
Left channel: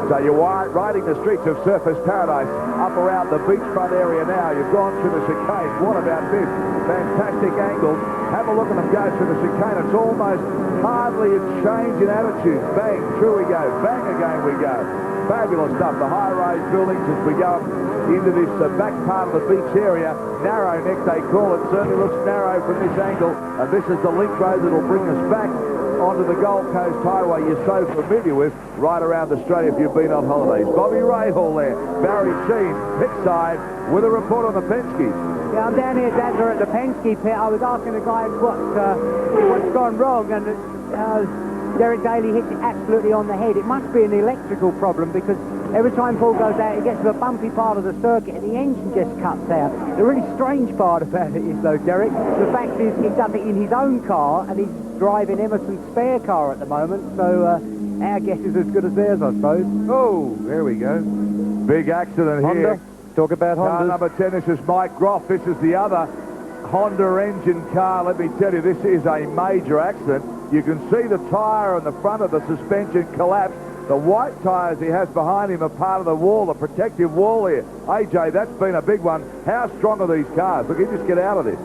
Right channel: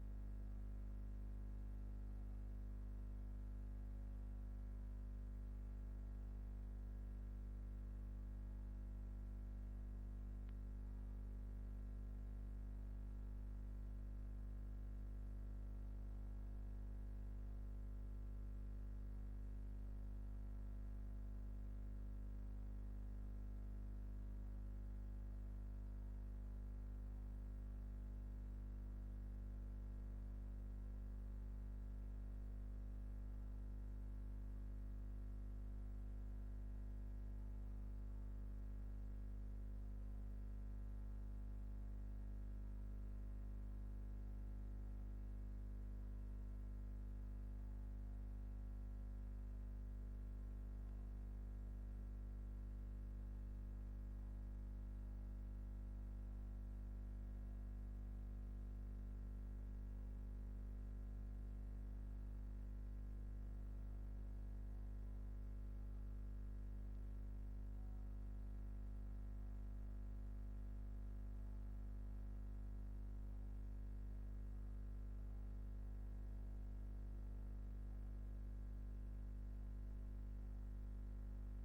So you're riding the streets of Surfers Paradise up around the beachfront area now. You've gone through the chicane. What about this? Fantastic angles. Have a look at them go through the chicane. It's almost hardly a change in attitude. Bang, through we go. Bang, again we go. Fabulous stuff. The high-rise buildings as we go into this back part of the beach area. Narrow neck, they call it. Certainly looks narrow from this angle. And this is the link road that will bring us back onto the Gold Coast Highway you're so familiar with right around Australia if you've been on holidays. Bobby Rahal there, Barry Sheen, pit side, with a report on the Penske. Yeah, I'm down here, Dadler, at the Penske pit. I was asking the guys what's gone wrong, and Derek Daly hit it absolutely on the head. It must be an electrical problem, because every time Paul goes out, he gets to a bumpy part of the circuit and the engine just cuts out. The really strange part about it is, though, Derek, the fact is he's done it in his own car, and he's driving Emerson's spare car at the moment, so our guess is as good as theirs, I suppose. Oh, there we go. Big accident Honda. here. Talk about Car Honda. number 10, this is Mike Groff. This is the other Honda engine car. Let me tell you, this is a major accident. You can see the tyre on the front of the suspension collapse. The white tyres he has behind him are part of the wall, the protective wall here. AJ, that's been a big one. How strong are these cars? Look, he just get out of this.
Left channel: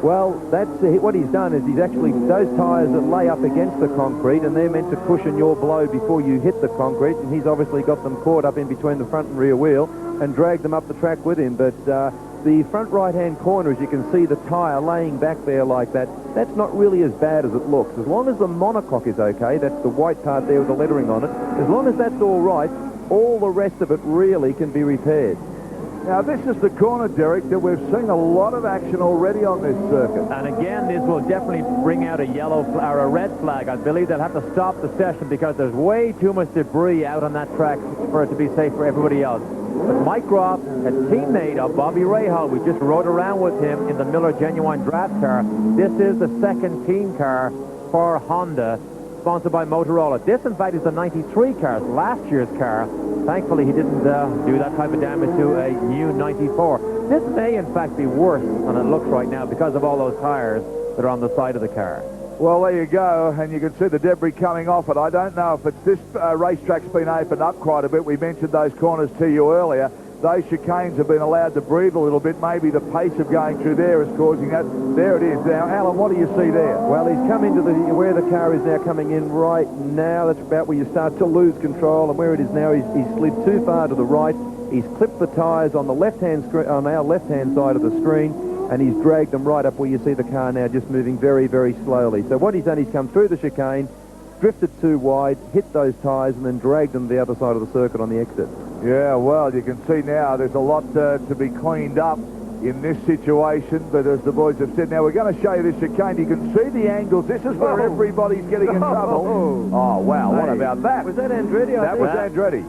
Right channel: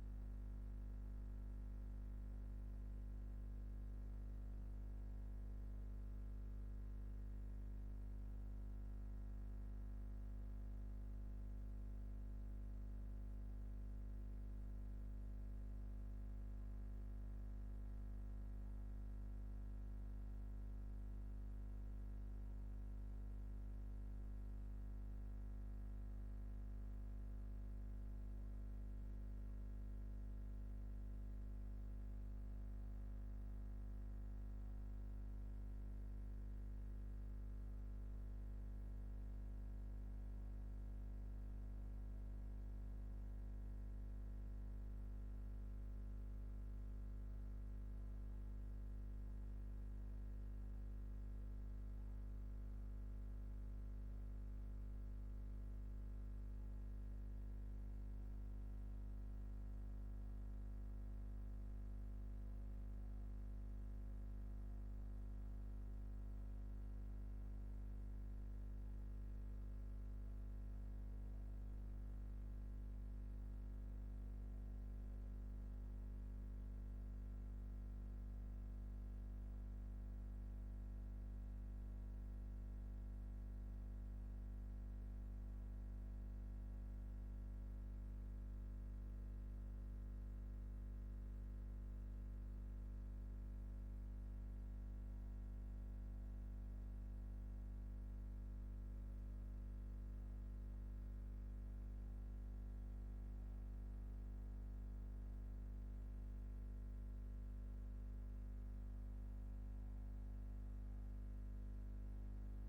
Well, that's what he's done is he's actually, those tyres that lay up against the concrete, and they're meant to cushion your blow before you hit the concrete, and he's obviously got them caught up in between the front and rear wheel and dragged them up the track with him. But the front right-hand corner, as you can see, the tyre laying back there like that, that's not really as bad as it looks. As long as the monocoque is okay, that's the white part there with the lettering on it, as long as that's all right, all the rest of it really can be repaired. Now, this is the corner, Derek, that we've seen a lot of action already on this circuit. And again, this will definitely bring out a yellow or a red flag. I believe they'll have to stop the session because there's way too much debris out on that track for it to be safe for everybody else. But Mike Groff, a teammate of Bobby Rahal, we just rode around with him in the Miller Genuine Draft car. This is the second team car for Honda, sponsored by Motorola. This, in fact, is the 93 car, last year's car. Thankfully, he didn't do that type of damage to a new 94. This may, in fact, be worse than it looks right now because of all those tires that are on the side of the car. Well, there you go, and you can see the debris coming off it. I don't know if it's this racetrack's been opened up quite a bit. We mentioned those corners to you earlier. those chicanes have been allowed to breathe a little bit. Maybe the pace of going through there is causing that. There it is. Now, Alan, what do you see there? Well, he's come into where the car is now coming in right now. That's about where you start to lose control, and where it is now, he's slid too far to the right. He's clipped the tyres on the on our left-hand side of the screen, and he's dragged them right up where you see the car now just moving very, very slowly. So what he's done, he's come through the chicane, drifted too wide, hit those tyres, and then dragged them to the other side of the circuit on the exit. Yeah, well, you can see now there's a lot to be cleaned up in this situation, but as the boys have said, now we're going to show you this chicane. You can see the angles. This is where everybody's getting in trouble. Oh, wow, what about that? Was that Andretti? That was Andretti.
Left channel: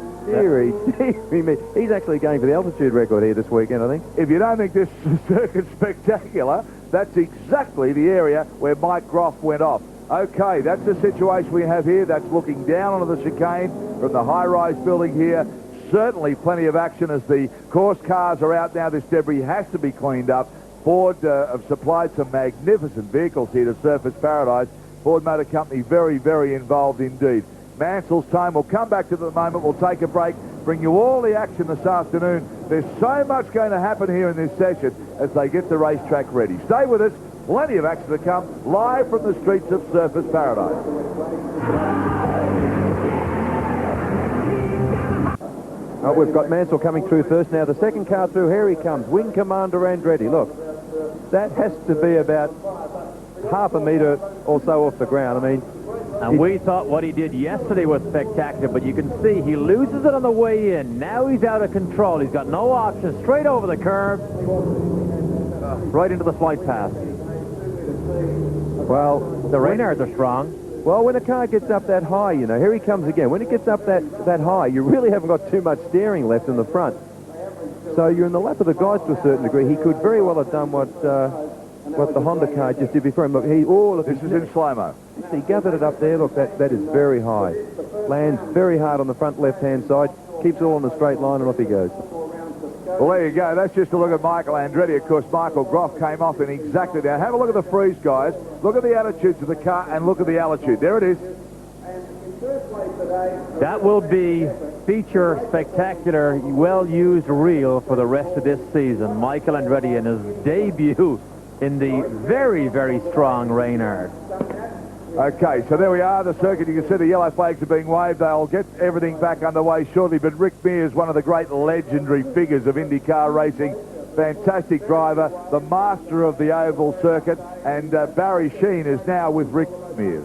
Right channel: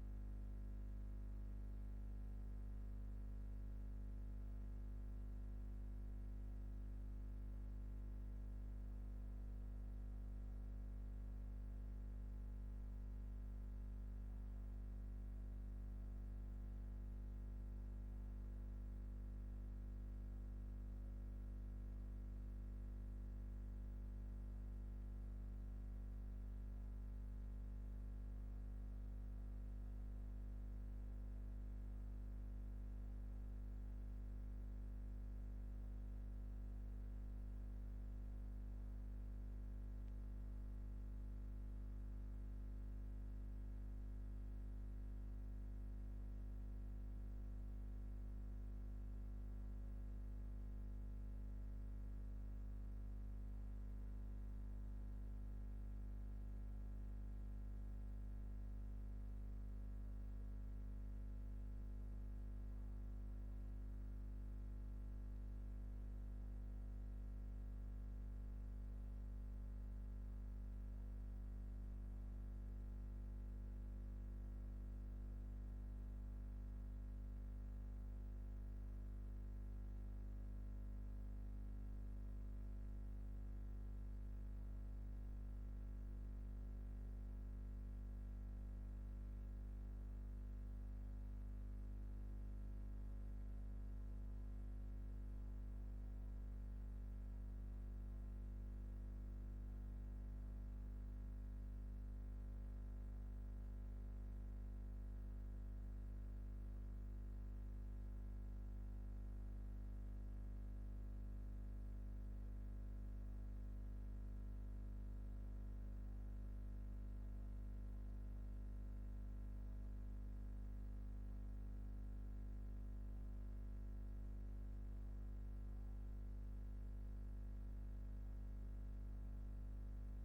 He's actually going for the altitude record here this weekend, I think. If you don't think this circuit's spectacular, that's exactly the area where Mike Groff went off. Okay, that's the situation we have here. That's looking down onto the chicane from the high-rise building here. Certainly plenty of action as the course cars are out now. This debris has to be cleaned up. Ford have supplied some magnificent vehicles here to Surfers Paradise. Ford Motor Company very, very involved indeed. Mansell's time. We'll come back to the moment. We'll take a break, bring you all the action this afternoon. There's so much going to happen here in this session as they get the racetrack ready. Stay with us. Plenty of action to come, live from the streets of Surfers Paradise. Oh, we've got Mansell coming through first. Now the second car through, here he comes. Wing Commander Andretti. Look, that has to be about half a metre or so off the ground. I mean, and we thought what he did yesterday was spectacular, but you can see he loses it on the way in. Now he's out of control. He's got no option. Straight over the curb, right into the flight path. Well, the Reynards are strong. Well, when a car gets up that high, you know, here he comes again. When it gets up that high, you really haven't got too much steering left in the front. So you're in the lap of the guys to a certain degree. He could very well have done what the Honda car just did before him. Look, this is in slow-mo. He gathered it up there. Look, that is very high. Lands very hard on the front left-hand side. Keeps it all on the straight line, and off he goes. Well, there you go. That's just a look at Michael Andretti. Of course, Michael Groff came off in exactly that. Have a look at the freeze, guys. Look at the attitudes of the car and look at the altitude. There it is. That will be feature spectacular, well-used reel for the rest of this season. Michael Andretti in his debut in the very, very strong Reynard. Okay, so there we are, the circuit. You can see the yellow flags are being waved. They'll get everything back underway shortly, but Rick Mears, one of the great legendary figures of IndyCar racing, fantastic driver, the master of the oval circuit, and Barry Sheen is now with Rick Mears.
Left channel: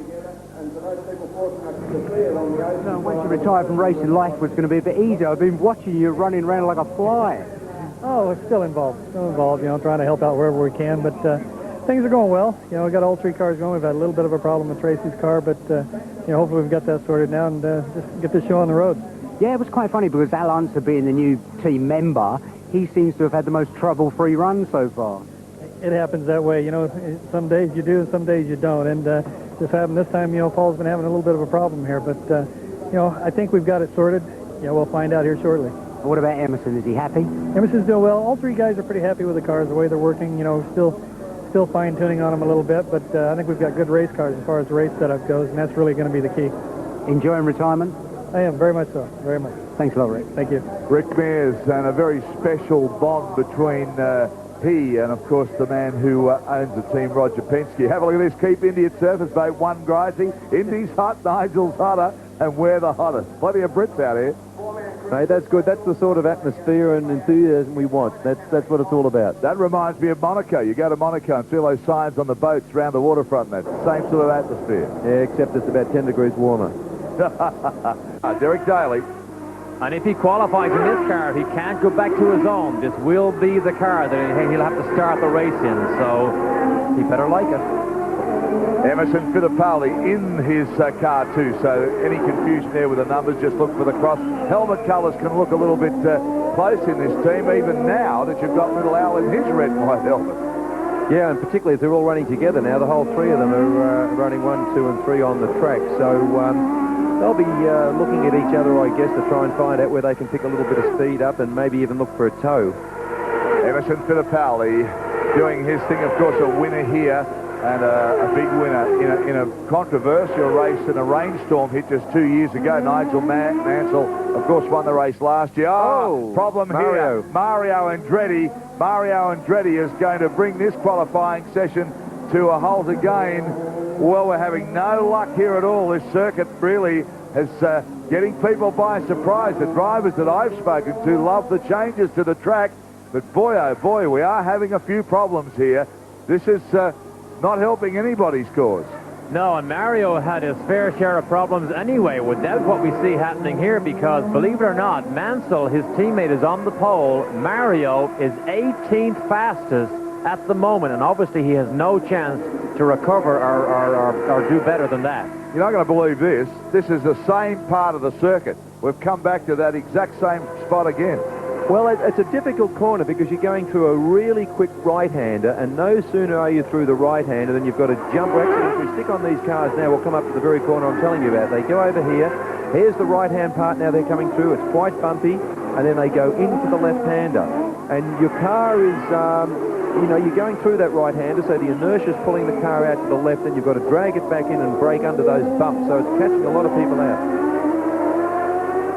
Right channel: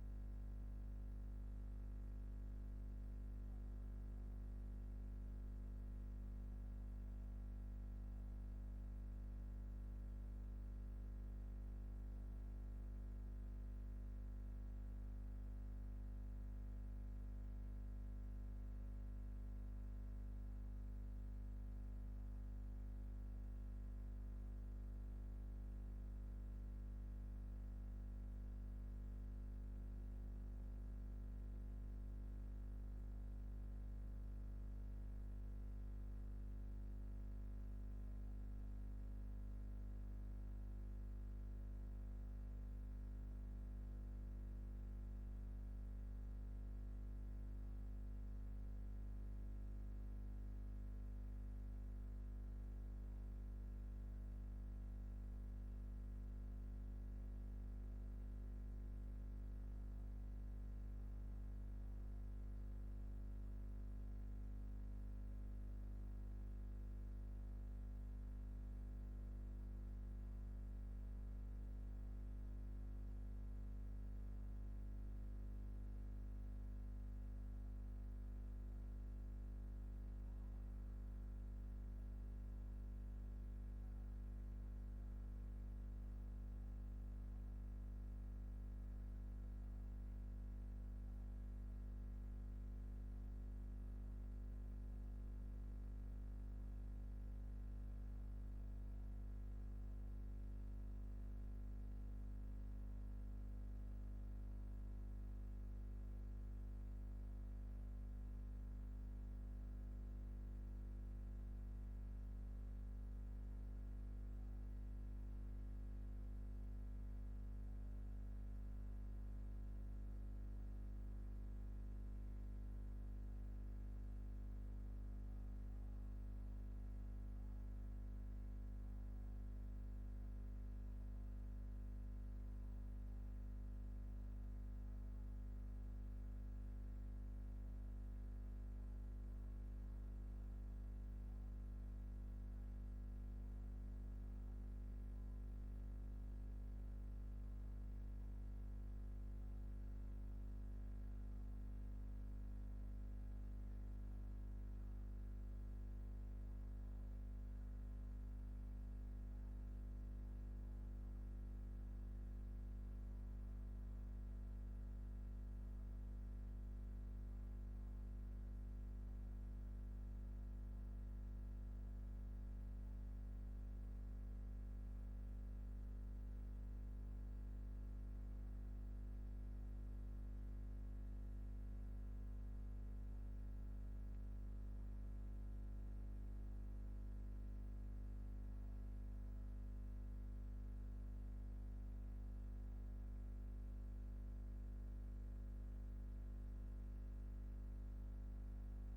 So once you retire from racing, life was going to be a bit easier. I've been watching you running around like a fly. Oh, it's still involved, you know, trying to help out wherever we can, but things are going well. You know, we've got all three cars going. We've had a little bit of a problem with Tracy's car, but, you know, hopefully we've got that sorted now and just get this show on the road. Yeah, it was quite funny because Al Unser, being the new team member, he seems to have had the most trouble-free run so far. It happens that way, you know. Some days you do and some days you don't, and this happened this time. You know, Paul's been having a little bit of a problem here, but, you know, I think we've got it sorted. Yeah, we'll find out here shortly. What about Emerson? Is he happy? Emerson's doing well. All three guys are pretty happy with the cars, the way they're working. You know, still fine-tuning on them a little bit, but I think we've got good race cars as far as the race setup goes, and that's really going to be the key. Enjoying retirement? I am, very much so, very much. Thanks a lot, Rick. Thank you. Rick Mears, and a very special bond between he and, of course, the man who owns the team, Roger Penske. Have a look at this. Keep Indy at Surface Bay, one Gracie. Indy's hot, Nigel's hotter, and we're the hottest. Plenty of Brits out here. Hey, that's good. That's the sort of atmosphere and enthusiasm we want. That's what it's all about. That reminds me of Monaco. You go to Monaco and see those signs on the boats around the waterfront. That's the same sort of atmosphere. Yeah, except it's about 10 degrees warmer. Derek Daly. And if he qualifies in this car, if he can't go back to his own, this will be the car that he'll have to start the race in. So he better like it. Emerson Fittipaldi in his car too, so any confusion there with the numbers, just look for the cross. Helmet colours can look a little bit close in this team, even now that you've got little Al in his red and white helmet. Yeah, and particularly if they're all running together now, the whole three of them are running 1, 2 and 3 on the track, so they'll be looking at each other, I guess, to try and find out where they can pick a little bit of speed up and maybe even look for a tow. Emerson Fittipaldi doing his thing, of course, a winner here and a big winner in a controversial race in a rainstorm hit just 2 years ago. Nigel Mansell, of course, won the race last year. Problem Mario. here. Mario Andretti. Mario Andretti is going to bring this qualifying session to a halt again. Well, we're having no luck here at all. This circuit really is getting people by surprise. The drivers that I've spoken to love the changes to the track, but boy, oh boy, we are having a few problems here. This is not helping anybody's cause. No, and Mario had his fair share of problems anyway without what we see happening here, because, believe it or not, Mansell, his teammate, is on the pole. Mario is 18th fastest at the moment, and obviously he has no chance to recover or do better than that. You're not going to believe this. This is the same part of the circuit. We've come back to that exact same spot again. Well, it's a difficult corner because you're going through a really quick right-hander, and no sooner are you through the right-hander than you've got to jump. Actually, if we stick on these cars now, we'll come up to the very corner I'm telling you about. They go over here. Here's the right-hand part now they're coming through. It's quite bumpy, and then they go into the left-hander. And your car is, you're going through that right-hander, so the inertia is pulling the car out to the left, and you've got to drag it back in and brake under those bumps, so it's catching a lot of people out.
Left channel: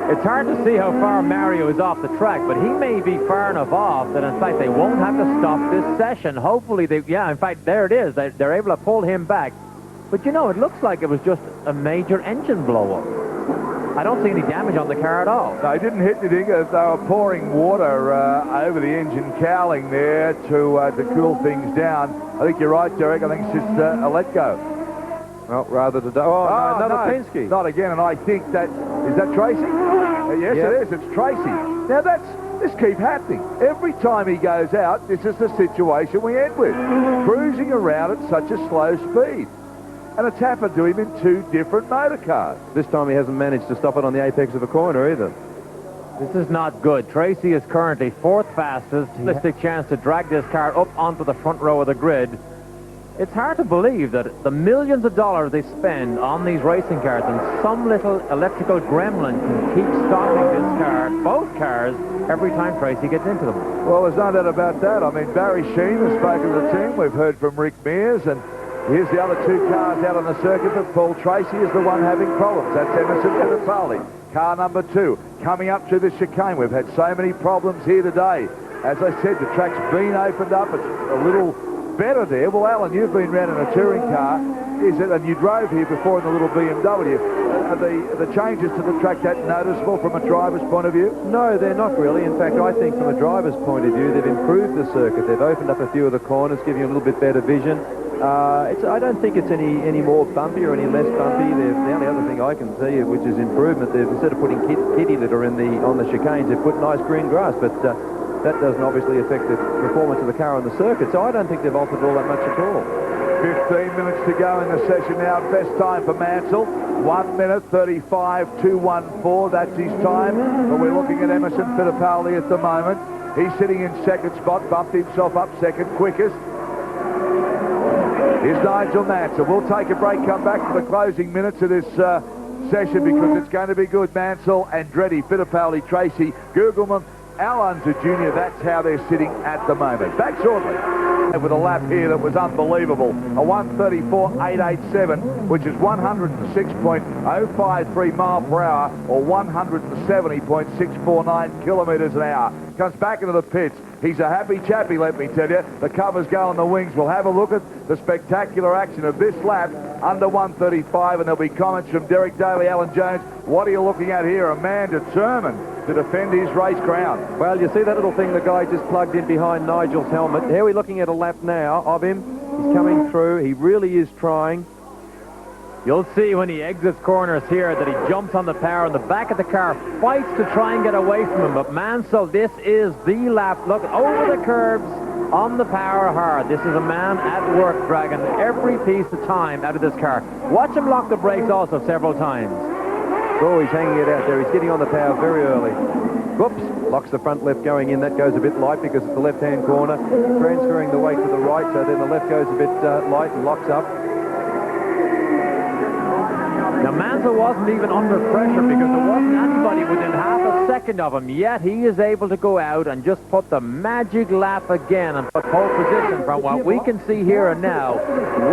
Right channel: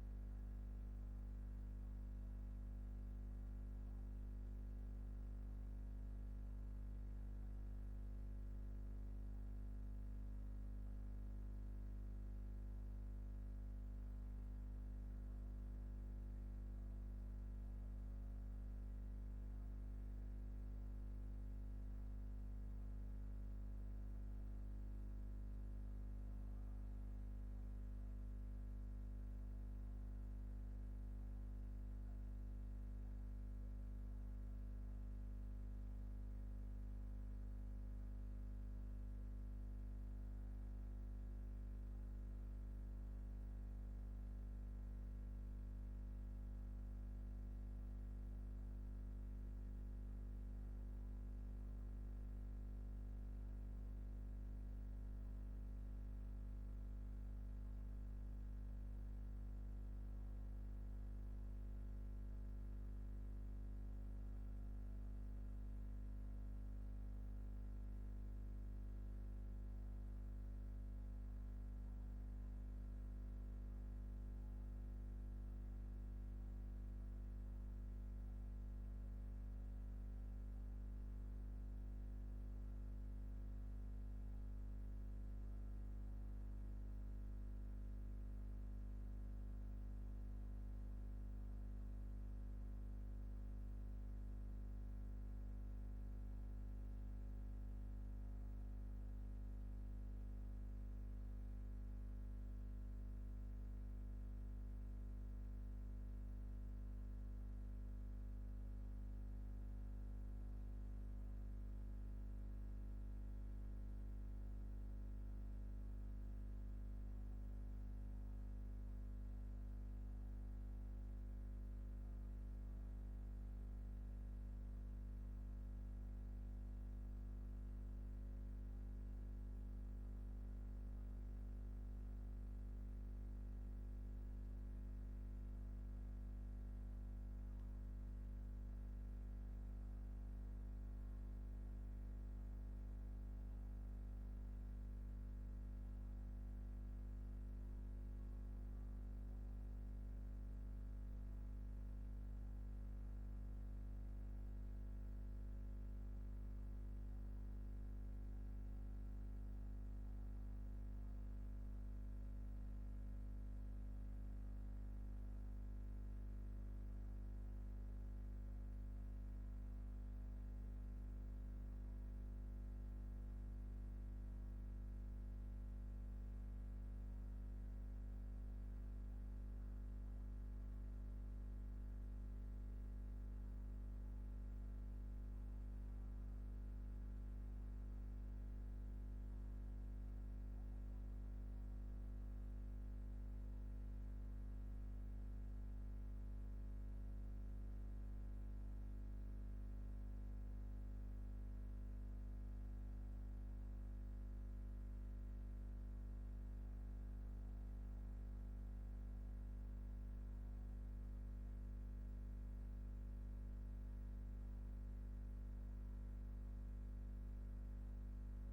It's hard to see how far Mario is off the track, but he may be far enough off that, in fact, they won't have to stop this session. Hopefully, in fact, there it is. They're able to pull him back. But, it looks like it was just a major engine blow-up. I don't see any damage on the car at all. No, he didn't hit anything. They were pouring water over the engine cowling there to cool things down. I think you're right, Derek. I think it's just a let-go. Well, rather today. Another Penske. Not again, and I think that... Is that Tracy? Yes, yep. It is. It's Tracy. Now, this keeps happening. Every time he goes out, this is the situation we end with. Cruising around at such a slow speed. And it's happened to him in two different motor cars. This time he hasn't managed to stop it on the apex of a corner either. This is not good. Tracy is currently 4th fastest. Realistic chance to drag this car up onto the front row of the grid. It's hard to believe that the millions of dollars they spend on these racing cars and some little electrical gremlin can keep stopping this car, both cars, every time Tracy gets into them. Well, there's no doubt about that. I mean, Barry Sheen has spoken to the team. We've heard from Rick Mears, and here's the other two cars out on the circuit, but Paul Tracy is the one having problems. That's Emerson Fittipaldi. Car number 2 coming up to the chicane. We've had so many problems here today. As I said, the track's been opened up. It's a little better there. Well, Alan, you've been around in a touring car, is it? And you drove here before in the little BMW. Are the changes to the track that noticeable from a driver's point of view? No, they're not really. In fact, I think from a driver's point of view, they've improved the circuit. They've opened up a few of the corners, giving you a little bit better vision. I don't think it's any more bumpy or any less bumpy. The only other thing I can see, which is improvement, they've, instead of putting kitty litter on the chicanes, they've put nice green grass. But that doesn't obviously affect the performance of the car on the circuit, so I don't think they've altered all that much at all. 15 minutes to go in the session now. Best time for Mansell, 1 minute 35.214. That's his time. But we're looking at Emerson Fittipaldi at the moment. He's sitting in second spot, bumped himself up second quickest. Here's Nigel Mansell. We'll take a break, come back for the closing minutes of this session because it's going to be good. Mansell, Andretti, Fittipaldi, Tracy, Gugelman, Alonso Jr., that's how they're sitting at the moment. Back shortly with a lap here that was unbelievable. A 134.887, which is 106.053 mile per hour or 170.649 kilometres an hour. Comes back into the pits. He's a happy chappy, let me tell you. The covers go on the wings. We'll have a look at the spectacular action of this lap under 135, and there'll be comments from Derek Daly, Alan Jones. What are you looking at here? A man determined to defend his race ground. Well, you see that little thing the guy just plugged in behind Nigel's helmet. Here we're looking at a lap now of him. He's coming through. He really is trying. You'll see when he exits corners here that he jumps on the power in the back of the car, fights to try and get away from him. But Mansell, this is the lap. Look, over the curbs, on the power hard. This is a man at work dragging every piece of time out of this car. Watch him lock the brakes also several times. Oh, he's hanging it out there. He's getting on the power very early. Whoops, locks the front left going in. That goes a bit light because it's the left-hand corner. Transferring the weight to the right, so then the left goes a bit light and locks up. Now, Mansell wasn't even under pressure because there wasn't anybody within half a second of him, yet he is able to go out and just put the magic lap again and put pole position from what we can see here and now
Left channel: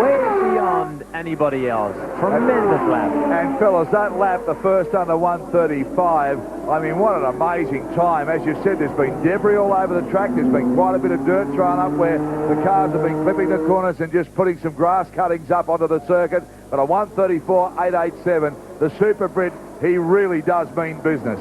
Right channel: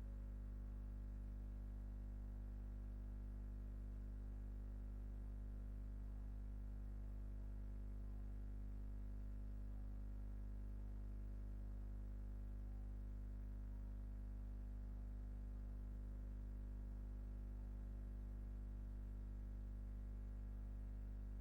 way beyond anybody else. Tremendous lap. And fellas, that lap, the first under 135, I mean, what an amazing time. As you said, there's been debris all over the track. There's been quite a bit of dirt thrown up where the cars have been clipping the corners and just putting some grass cuttings up onto the circuit. But a 134.887, the Super Brit, he really does mean business.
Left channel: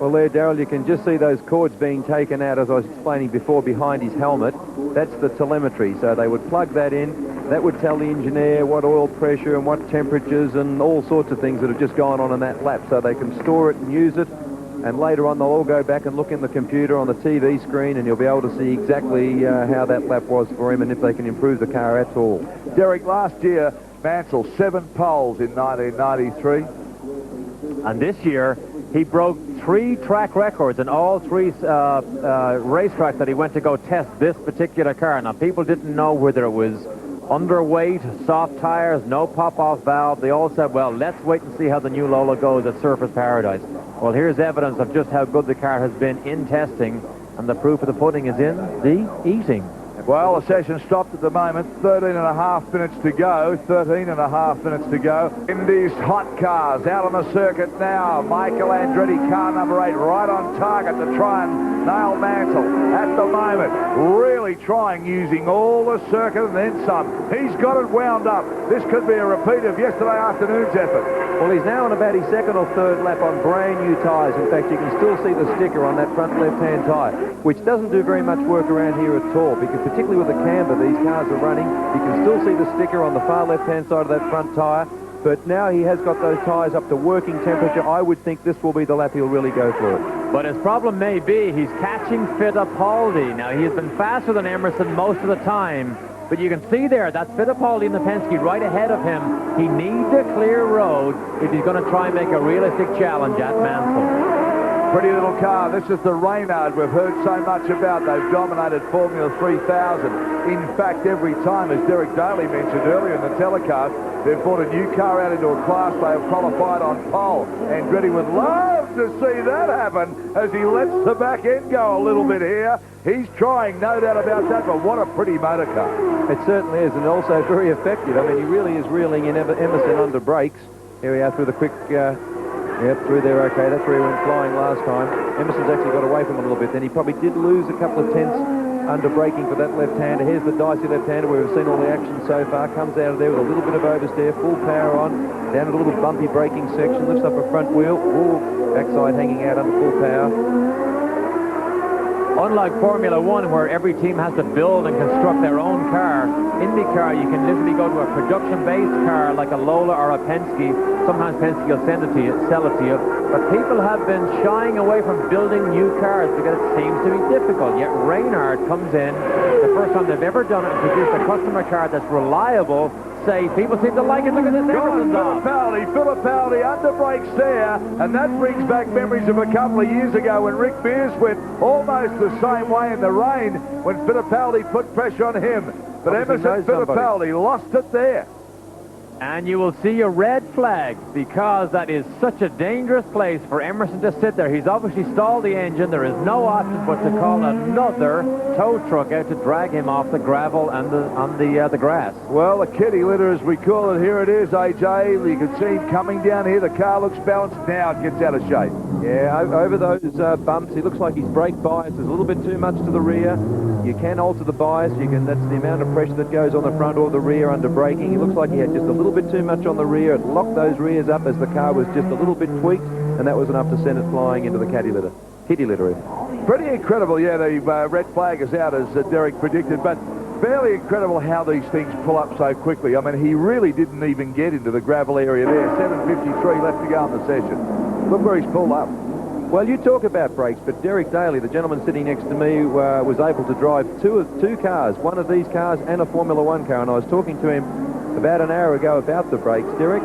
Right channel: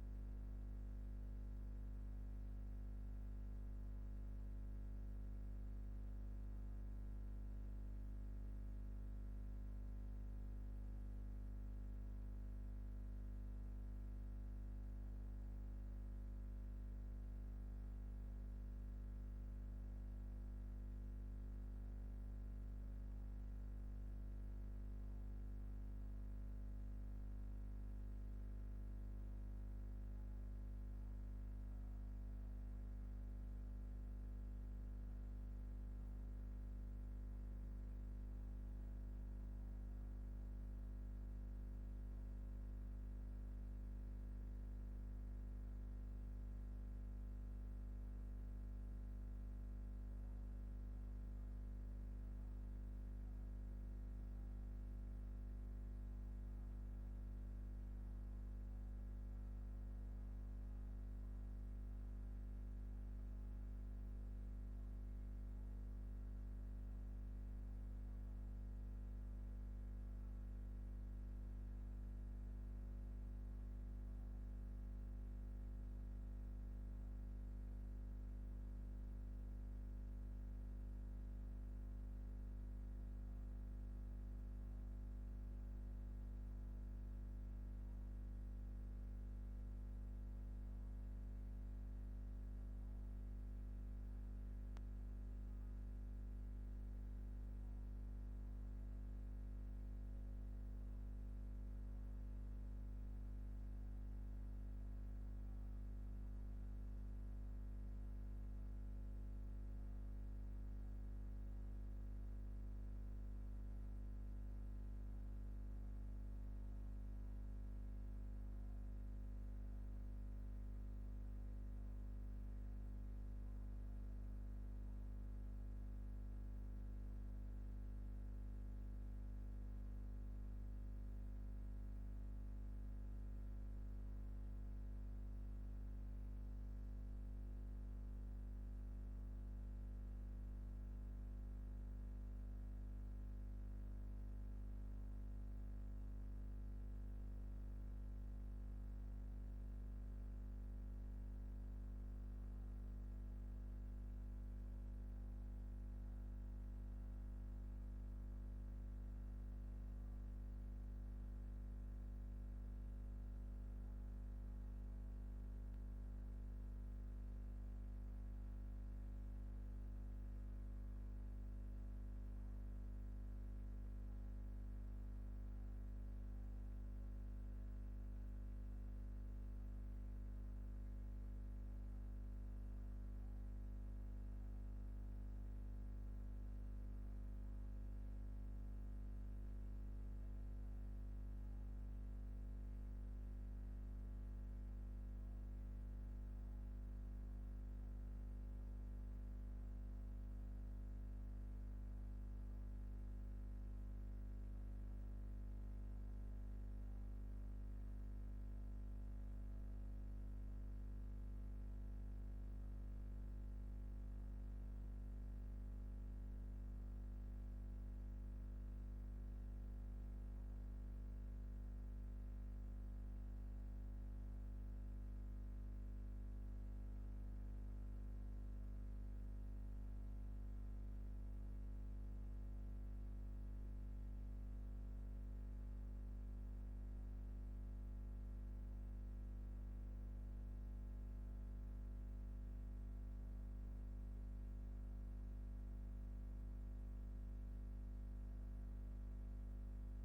Well, there, Darryl, you can just see those cords being taken out, as I was explaining before, behind his helmet. That's the telemetry. So they would plug that in. That would tell the engineer what oil pressure and what temperatures and all sorts of things that have just gone on in that lap. So they can store it and use it. And later on, they'll all go back and look in the computer on the TV screen, and you'll be able to see exactly how that lap was for him and if they can improve the car at all. Derek, last year, Mansell, 7 poles in 1993. And this year, he broke 3 track records in all 3 racetracks that he went to go test this particular car. Now, people didn't know whether it was underweight, soft tires, no pop-off valve. They all said, well, let's wait and see how the new Lola goes at Surface Paradise. Well, here's evidence of just how good the car has been in testing, and the proof of the pudding is in the eating. Well, the session stopped at the moment. 13.5 minutes to go. 13.5 minutes to go. In these hot cars out on the circuit now. Michael Andretti, car number 8, right on target to try and nail Mansell. At the moment, really trying, using all the circuit and then some. He's got it wound up. This could be a repeat of yesterday afternoon's effort. Well, he's now on about his second or third lap on brand new tyres. In fact, you can still see the sticker on that front left-hand tyre, which doesn't do very much work around here at all, because particularly with the camber these cars are running, you can still see the sticker on the far left-hand side of that front tyre. But now he has got those tyres up to working temperature. I would think this will be the lap he'll really go for it. But his problem may be he's catching Fittipaldi. Now, he has been faster than Emerson most of the time. But you can see there, that's Fittipaldi in the Penske right ahead of him. He needs a clear road if he's going to try and make a realistic challenge at Mansell. Pretty little car. This is the Reynard we've heard so much about. They've dominated Formula 3000. In fact, every time, as Derek Daly mentioned earlier in the telecast, they've brought a new car out into a class they have qualified on pole. Andretti would love to see that happen as he lets the back end go a little bit here. He's trying, no doubt about that, but what a pretty motor car. It certainly is, and also very effective. I mean, he really is reeling in Emerson under brakes. Here we are through the quick... Yep, through there, okay. That's where he went flying last time. Emerson's actually got away from him a little bit. Then he probably did lose a couple of tenths under braking for that left-hander. Here's the dicey left-hander where we've seen all the action so far. Comes out of there with a little bit of oversteer, full power on, down a little bumpy braking section, lifts up a front wheel. Ooh, backside hanging out under full power. Unlike Formula 1, where every team has to build and construct their own car, IndyCar, you can literally go to a production-based car like a Lola or a Penske. Sometimes Penske will sell it to you. But people have been shying away from building new cars because it seems to be difficult. Yet Reynard comes in, the first time they've ever done it, and produced a customer car that's reliable, safe. People seem to like it. Look at this. Fittipaldi under brakes there, and that brings back memories of a couple of years ago when Rick Mears went almost the same way in the rain when Fittipaldi put pressure on him. But Emerson Fittipaldi lost it there. And you will see a red flag because that is such a dangerous place for Emerson to sit there. He's obviously stalled the engine. There is no option but to call another tow truck out to drag him off the gravel and the grass. Well, the kitty litter, as we call it, here it is, AJ. You can see him coming down here. The car looks balanced. Now it gets out of shape. Yeah, over those bumps, he looks like his brake bias is a little bit too much to the rear. You can alter the bias. That's the amount of pressure that goes on the front or the rear under braking. He looks like he had just a little bit too much on the rear. It locked those rears up as the car was just a little bit tweaked, and that was enough to send it flying into the kitty litter. Pretty incredible, yeah, the red flag is out as Derek predicted, but fairly incredible how these things pull up so quickly. I mean, he really didn't even get into the gravel area there. 7:53 left to go in the session. Look where he's pulled up. Well, you talk about brakes, but Derek Daly, the gentleman sitting next to me, was able to drive two cars, one of these cars and a Formula 1 car, and I was talking to him about an hour ago about the brakes. Derek?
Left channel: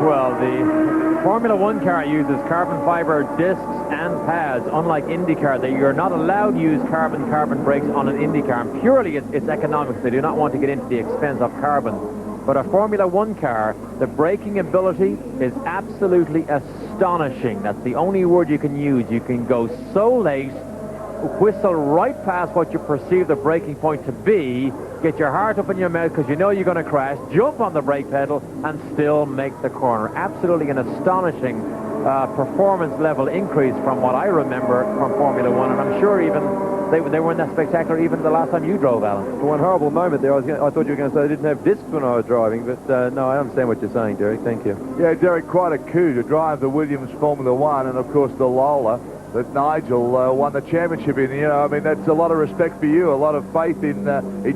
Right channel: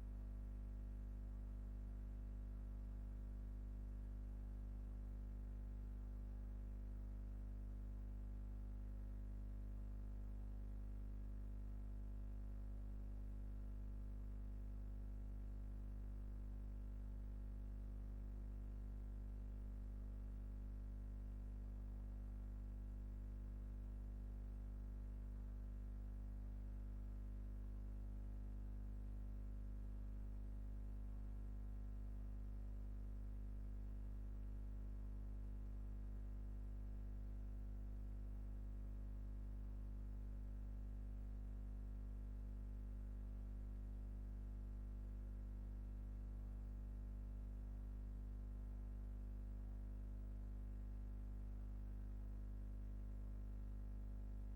Well, the Formula 1 car uses carbon fiber discs and pads, unlike IndyCar. You're not allowed to use carbon brakes on an IndyCar. And purely it's economics. They do not want to get into the expense of carbon. But a Formula One car, the braking ability is absolutely astonishing. That's the only word you can use. You can go so late, whistle right past what you perceive the braking point to be, get your heart up in your mouth because you know you're going to crash, jump on the brake pedal, and still make the corner. Absolutely an astonishing performance level increase from what I remember from Formula One, and I'm sure even they weren't that spectacular even the last time you drove, Alan. For one horrible moment there, I thought you were going to say they didn't have discs when I was driving, but no, I understand what you're saying, Derek. Thank you. Yeah, Derek, quite a coup to drive the Williams Formula One, and of course the Lola that Nigel won the championship in. You know, I mean, that's a lot of respect for you, a lot of faith in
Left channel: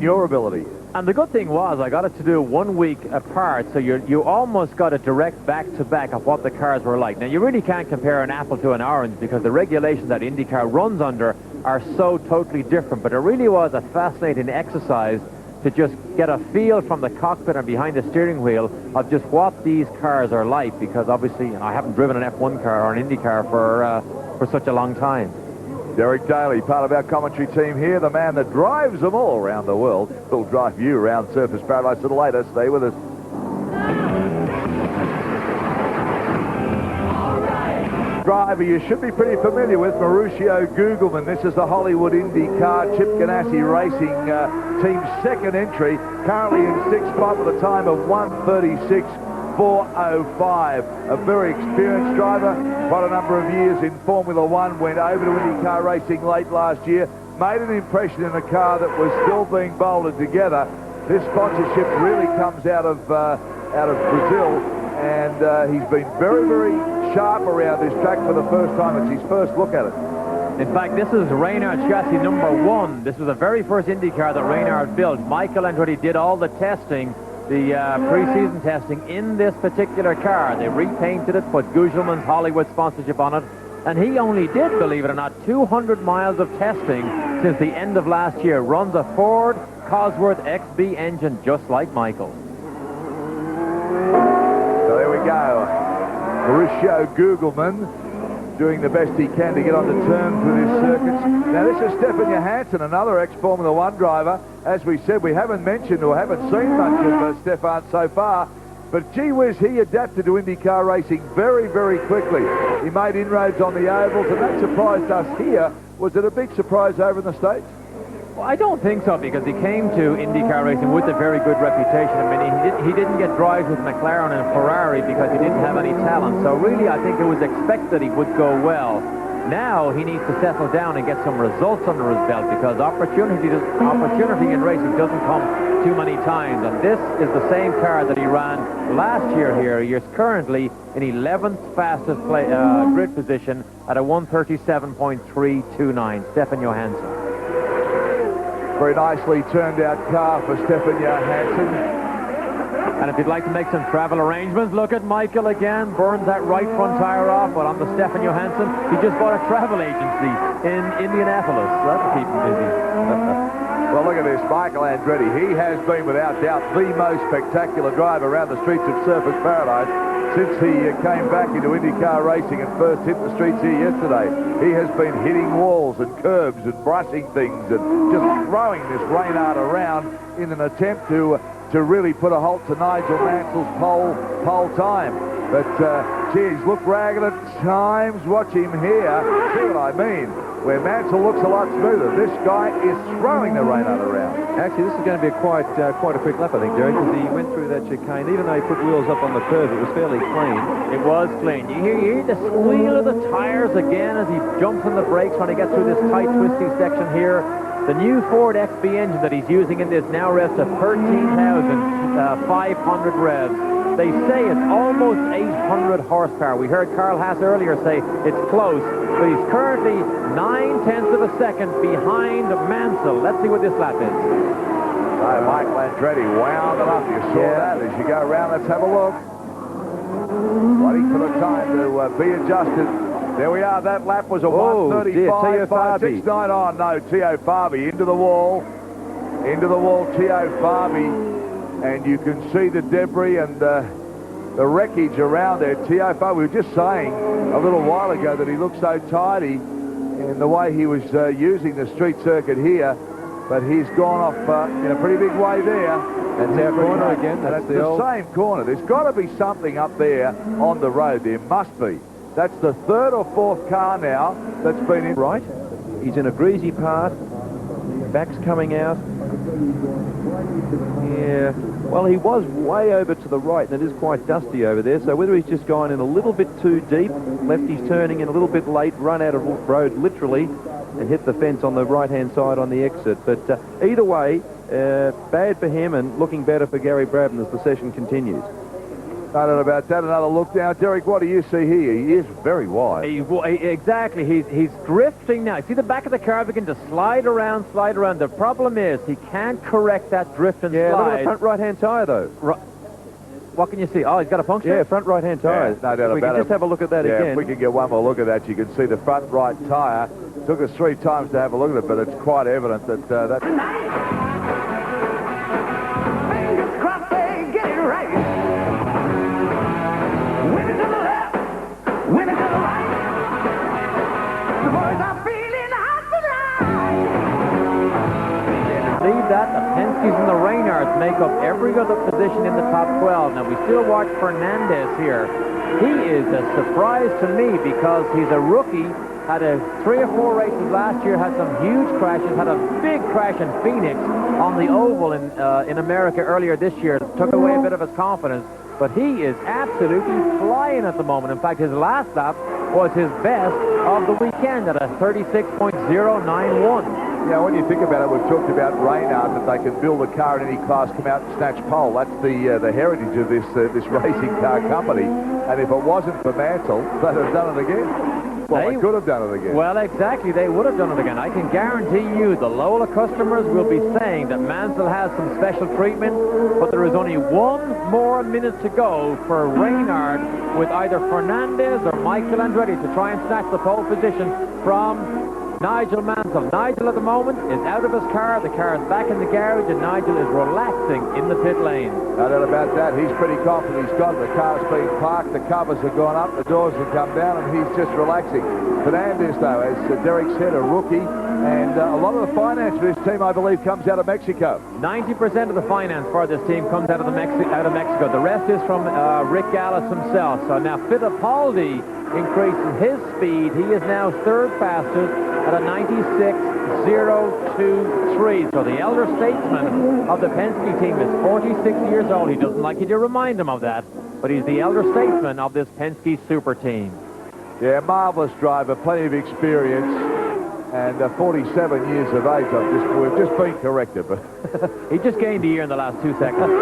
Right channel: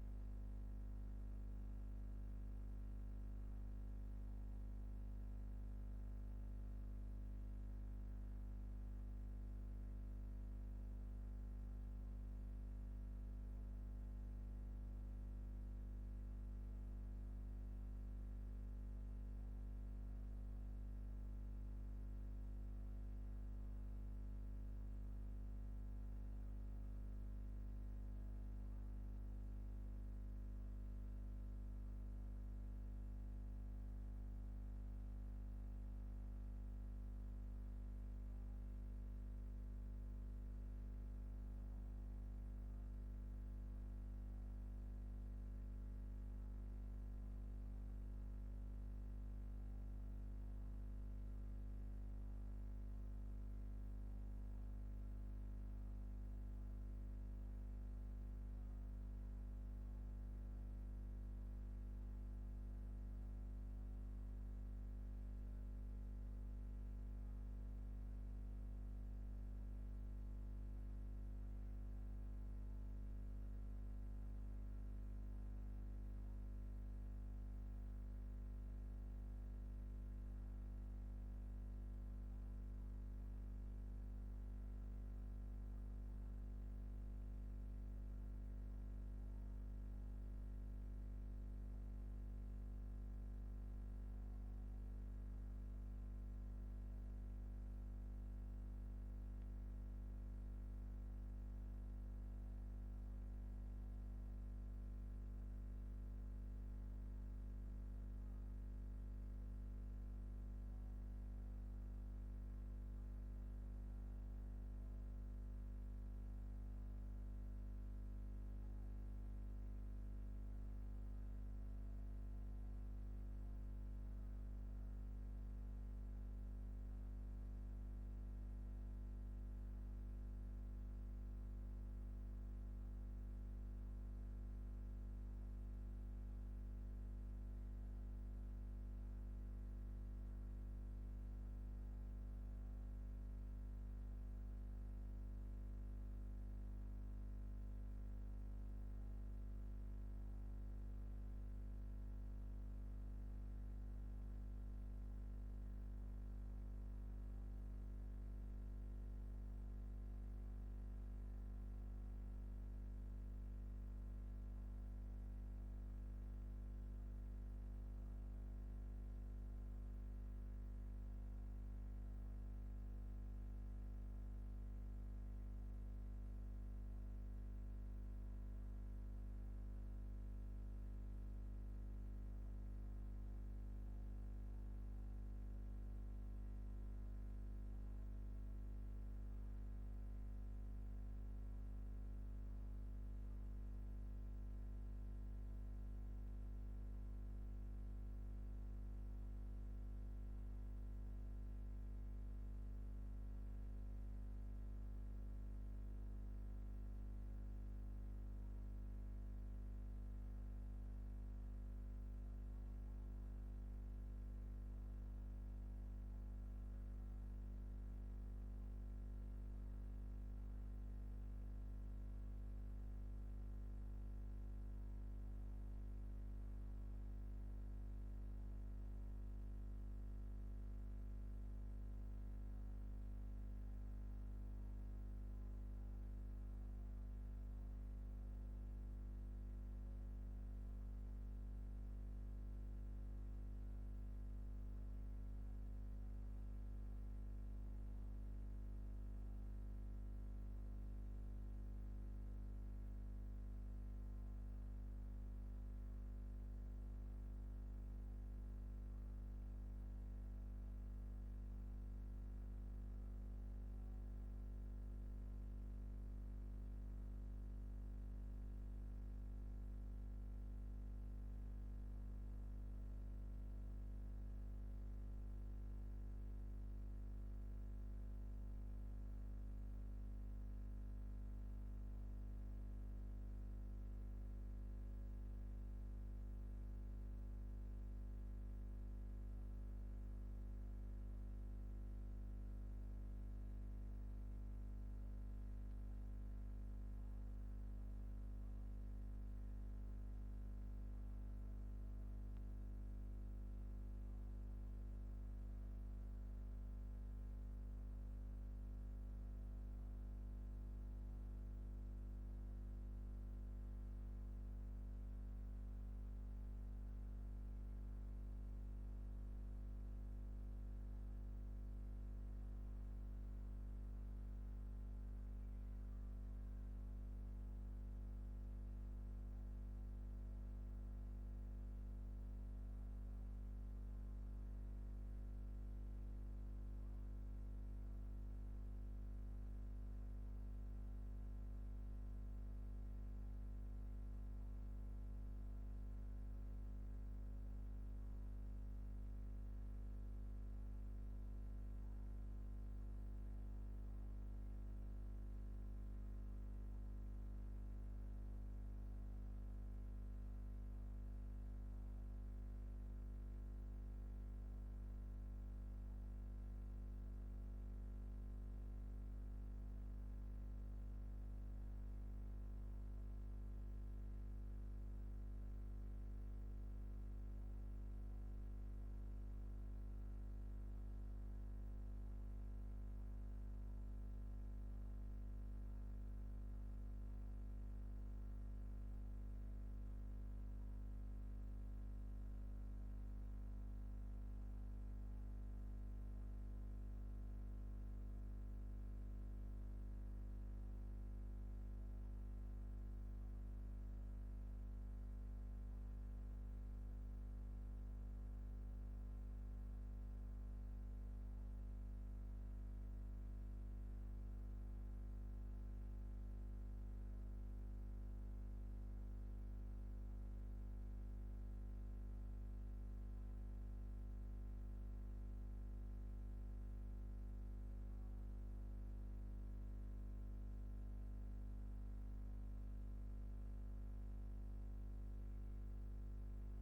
your ability. And the good thing was I got it to do 1 week apart, so you almost got a direct back-to-back of what the cars were like. Now, you really can't compare an apple to an orange because the regulations that IndyCar runs under are so totally different, but it really was a fascinating exercise to just get a feel from the cockpit and behind the steering wheel of just what these cars are like, because obviously I haven't driven an F1 car or an IndyCar for such a long time. Derek Daly, part of our commentary team here, the man that drives them all around the world. He'll drive you around Surfers Paradise a little later. Stay with us. Driver you should be pretty familiar with, Mauricio Gugelmin. This is the Hollywood IndyCar Chip Ganassi Racing team's second entry, currently in sixth spot with a time of 1:36.405. A very experienced driver, quite a number of years in Formula One, went over to IndyCar Racing late last year, made an impression in a car that was still being bolted together. This sponsorship really comes out of Brazil, and he's been very, very sharp around this track for the first time. It's his first look at it. In fact, this is Reynard chassis number 1. This was the very first IndyCar that Reynard built. Michael Andretti did all the testing, the pre-season testing in this particular car. They repainted it, put Gugelmin's Hollywood sponsorship on it, and he only did, believe it or not, 200 miles of testing since the end of last year. Runs a Ford Cosworth XB engine just like Michael. So there we go. Mauricio Gugelmin doing the best he can to get onto terms with his circuits. Now this is Stefan Johansson, another ex-Formula One driver. As we said, we haven't mentioned or haven't seen much of Stefan so far, but gee whiz, he adapted to IndyCar racing very, very quickly. He made inroads on the ovals, and that surprised us here. Was it a big surprise over in the States? Well, I don't think so, because he came to IndyCar racing with a very good reputation. I mean, he didn't get drives with McLaren and Ferrari because he didn't have any talent. So really, I think it was expected he would go well. Now he needs to settle down and get some results under his belt, because opportunity in racing doesn't come too many times. And this is the same car that he ran last year here. He is currently in 11th fastest grid position at a 1:37.329. Stefan Johansson. Very nicely turned out car for Stefan Johansson. And if you'd like to make some travel arrangements, look at Michael again. Burns that right front tire off, but on the Stefan Johansson, he just bought a travel agency in Indianapolis. That'll keep him busy. Well, look at this, Michael Andretti. He has been, without doubt, the most spectacular driver around the streets of Surfers Paradise since he came back into IndyCar racing and first hit the streets here yesterday. He has been hitting walls and curbs and brushing things and just throwing this Reynard around in an attempt to really put a halt to Nigel Mansell's pole time. But, geez, look ragged at times. Watch him here. See what I mean? Where Mansell looks a lot smoother. This guy is throwing the Reynard around. Actually, this is going to be quite a quick lap, I think, Derek, because he went through that chicane. Even though he put wheels up on the curve, it was fairly clean. It was clean. You hear the squeal of the tires again as he jumps on the brakes when he gets through this tight, twisty section here. The new Ford XB engine that he's using in this now revs to 13,500 revs. They say it's almost 800 horsepower. We heard Carl Haas earlier say it's close, but he's currently 9/10 of a second behind Mansell. Let's see what this lap is. So Michael Andretti wound it up. You saw that as you go around. Let's have a look. Waiting for the time to be adjusted. There we are. That lap was a 1:35.569. Oh, no, Teo Fabi into the wall. Into the wall, Teo Fabi. And you can see the debris and the wreckage around there. Teo Fabi, we were just saying a little while ago that he looked so tidy in the way he was using the street circuit here. but he's gone off in a pretty big way there. That's our corner again. That's the same corner. There's got to be something up there on the road. There must be. That's the third or fourth car now that's been in. Right. He's in a greasy part. Back's coming out. Yeah. Well, he was way over to the right, and it is quite dusty over there. So whether he's just gone in a little bit too deep, lefty's turning in a little bit late, run out of road literally, and hit the fence on the right-hand side on the exit. But either way, bad for him and looking better for Gary Brabham as the session continues. I don't know about that. Another look now. Derek, what do you see here? He is very wide. Exactly. He's drifting now. See the back of the car begin to slide around. The problem is he can't correct that drift and slide. Look at the front right-hand tyre, though. What can you see? Oh, he's got a puncture? Yeah, front right-hand tyre. No doubt we about can it. just have a look at that again. If we can get one more look at that, you can see the front right tyre. Took us 3 times to have a look at it, but it's quite evident that that's... Fingers crossed they get it right. Winning to the left, winning to the right. The boys are feeling hot tonight. See that? The Penske's and the Reynards make up every other position in the top 12. Now, we still watch Fernandez here. He is a surprise to me because he's a rookie. Had 3 or 4 races last year, had some huge crashes, had a big crash in Phoenix on the oval in America earlier this year. Took away a bit of his confidence, but he is absolutely flying at the moment. In fact, his last lap was his best of the weekend at a 36.091. Yeah, when you think about it, we've talked about Reynard, that they can build a car in any class, come out and snatch pole. That's the heritage of this racing car company. And if it wasn't for Mansell, they'd have done it again. Well, they could have done it again. Well, exactly. They would have done it again. I can guarantee you the Lola customers will be saying that Mansell has some special treatment, but there is only 1 more minute to go for Reynard with either Fernandez or Michael Andretti to try and snatch the pole position from Nigel Mansell. Nigel at the moment is out of his car. The car is back in the garage, and Nigel is relaxing in the pit lane. No doubt about that. He's pretty confident he's got it. The car's been parked, the covers have gone up, the doors have come down, and he's just relaxing. Fernandez, though, as Derek said, a rookie, and a lot of the finance for this team, I believe, comes out of Mexico. 90% of the finance for this team comes out of Mexico. The rest is from Rick Gallis himself. So now Fittipaldi increases his speed. He is now 3rd fastest at a 96.023. So the elder statesman of the Penske team is 46 years old. He doesn't like you to remind him of that, but he's the elder statesman of this Penske super team. Yeah, marvelous driver, plenty of experience, and 47 years of age. We've just been corrected, but he just gained a year in the last 2 seconds.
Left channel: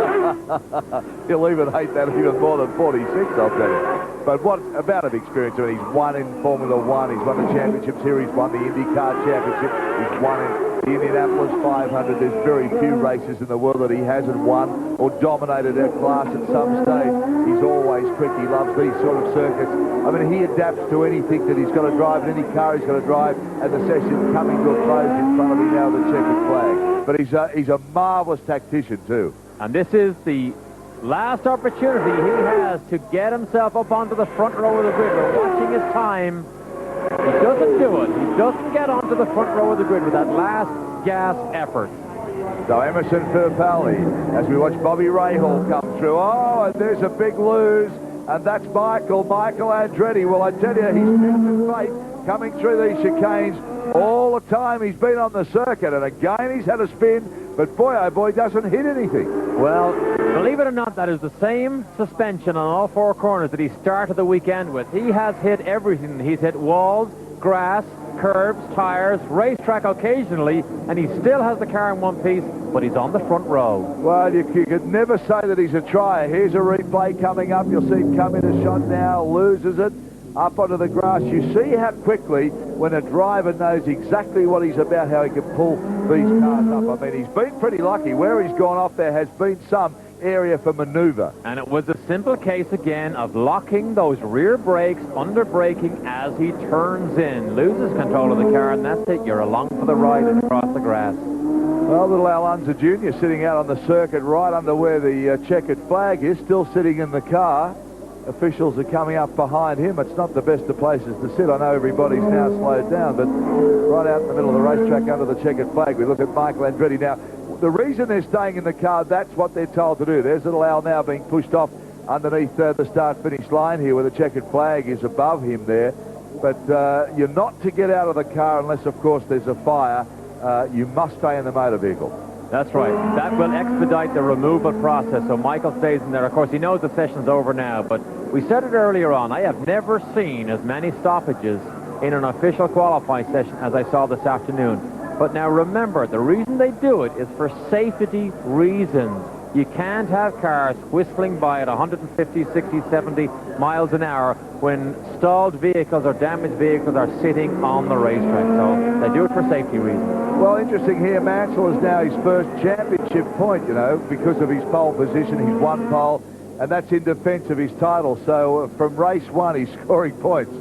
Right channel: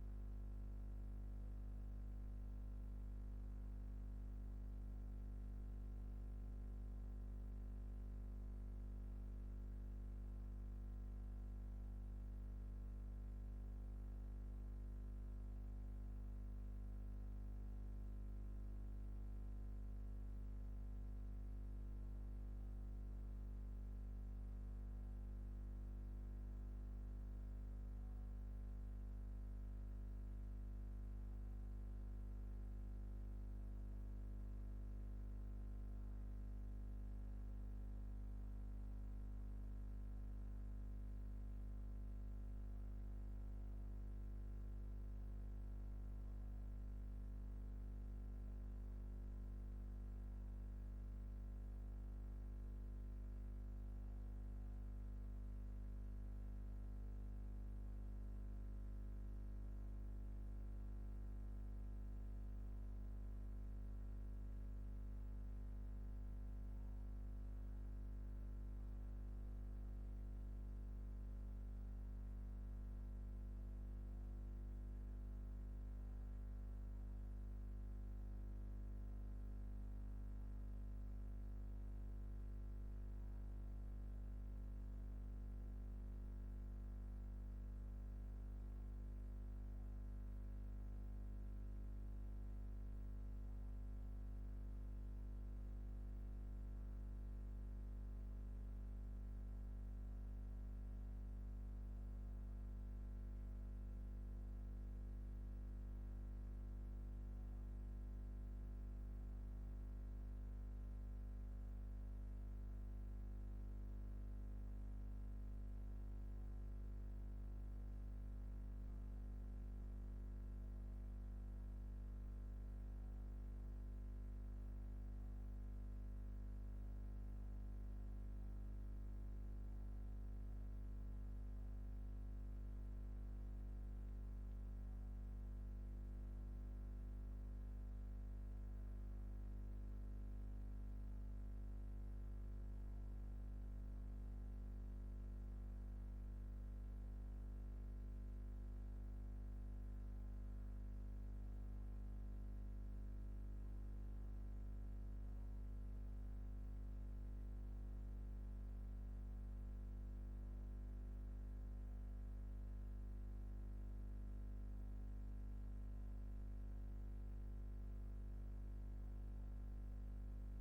He'll even hate that even more than 46, I'll tell you. But what amount of experience? I mean, he's won in Formula One, he's won the championships here, he's won the IndyCar championship, he's won in the Indianapolis 500. There's very few races in the world that he hasn't won or dominated a class at some stage. He's always quick. He loves these sort of circuits. I mean, he adapts to anything that he's got to drive, and any car he's got to drive, and the session's coming to a close in front of him now with the checkered flag. But he's a marvelous tactician too. And this is the last opportunity he has to get himself up onto the front row of the grid. We're watching his time. He doesn't do it. He doesn't get onto the front row of the grid with that last gas effort. So Emerson Fittipaldi, as we watch Bobby Rahal come through. Oh, and there's a big lose, and that's Michael Andretti. Well, I tell you, he's tested fate coming through these chicanes all the time. He's been on the circuit, and again he's had a spin, but boy, oh boy, doesn't hit anything. Well, believe it or not, that is the same suspension on all 4 corners that he started the weekend with. He has hit everything. He's hit walls, grass, curbs, tires, racetrack occasionally, and he still has the car in one piece, but he's on the front row. Well, you could never say that he's a trier. Here's a replay coming up. You'll see him come in a shot now, loses it, up onto the grass. You see how quickly, when a driver knows exactly what he's about, how he can pull these cars up. I mean, he's been pretty lucky. Where he's gone off, there has been some area for maneuver. And it was a simple case again of locking those rear brakes, under braking as he turns in, loses control of the car, and that's it. You're along for the ride and across the grass. Well, little Al Unser Jr. sitting out on the circuit right under where the checkered flag is, still sitting in the car. officials are coming up behind him. It's not the best of places to sit. I know everybody's now slowed down, but right out in the middle of the racetrack under the checkered flag, we look at Michael Andretti. Now, the reason they're staying in the car, that's what they're told to do. There's little Al now being pushed off underneath the start-finish line here, where the checkered flag is above him there. But you're not to get out of the car unless, of course, there's a fire. You must stay in the motor vehicle. That's right. That will expedite the removal process, so Michael stays in there. Of course, he knows the session's over now, but we said it earlier on, I have never seen as many stoppages in an official qualifying session as I saw this afternoon. But now remember, the reason they do it is for safety reasons. You can't have cars whistling by at 150, 60, 70 miles an hour when stalled vehicles or damaged vehicles are sitting on the racetrack. So they do it for safety reasons. Well, interesting here, Mansell is now his first championship point, you know, because of his pole position. He's won pole, and that's in defense of his title. So from race one, he's scoring points.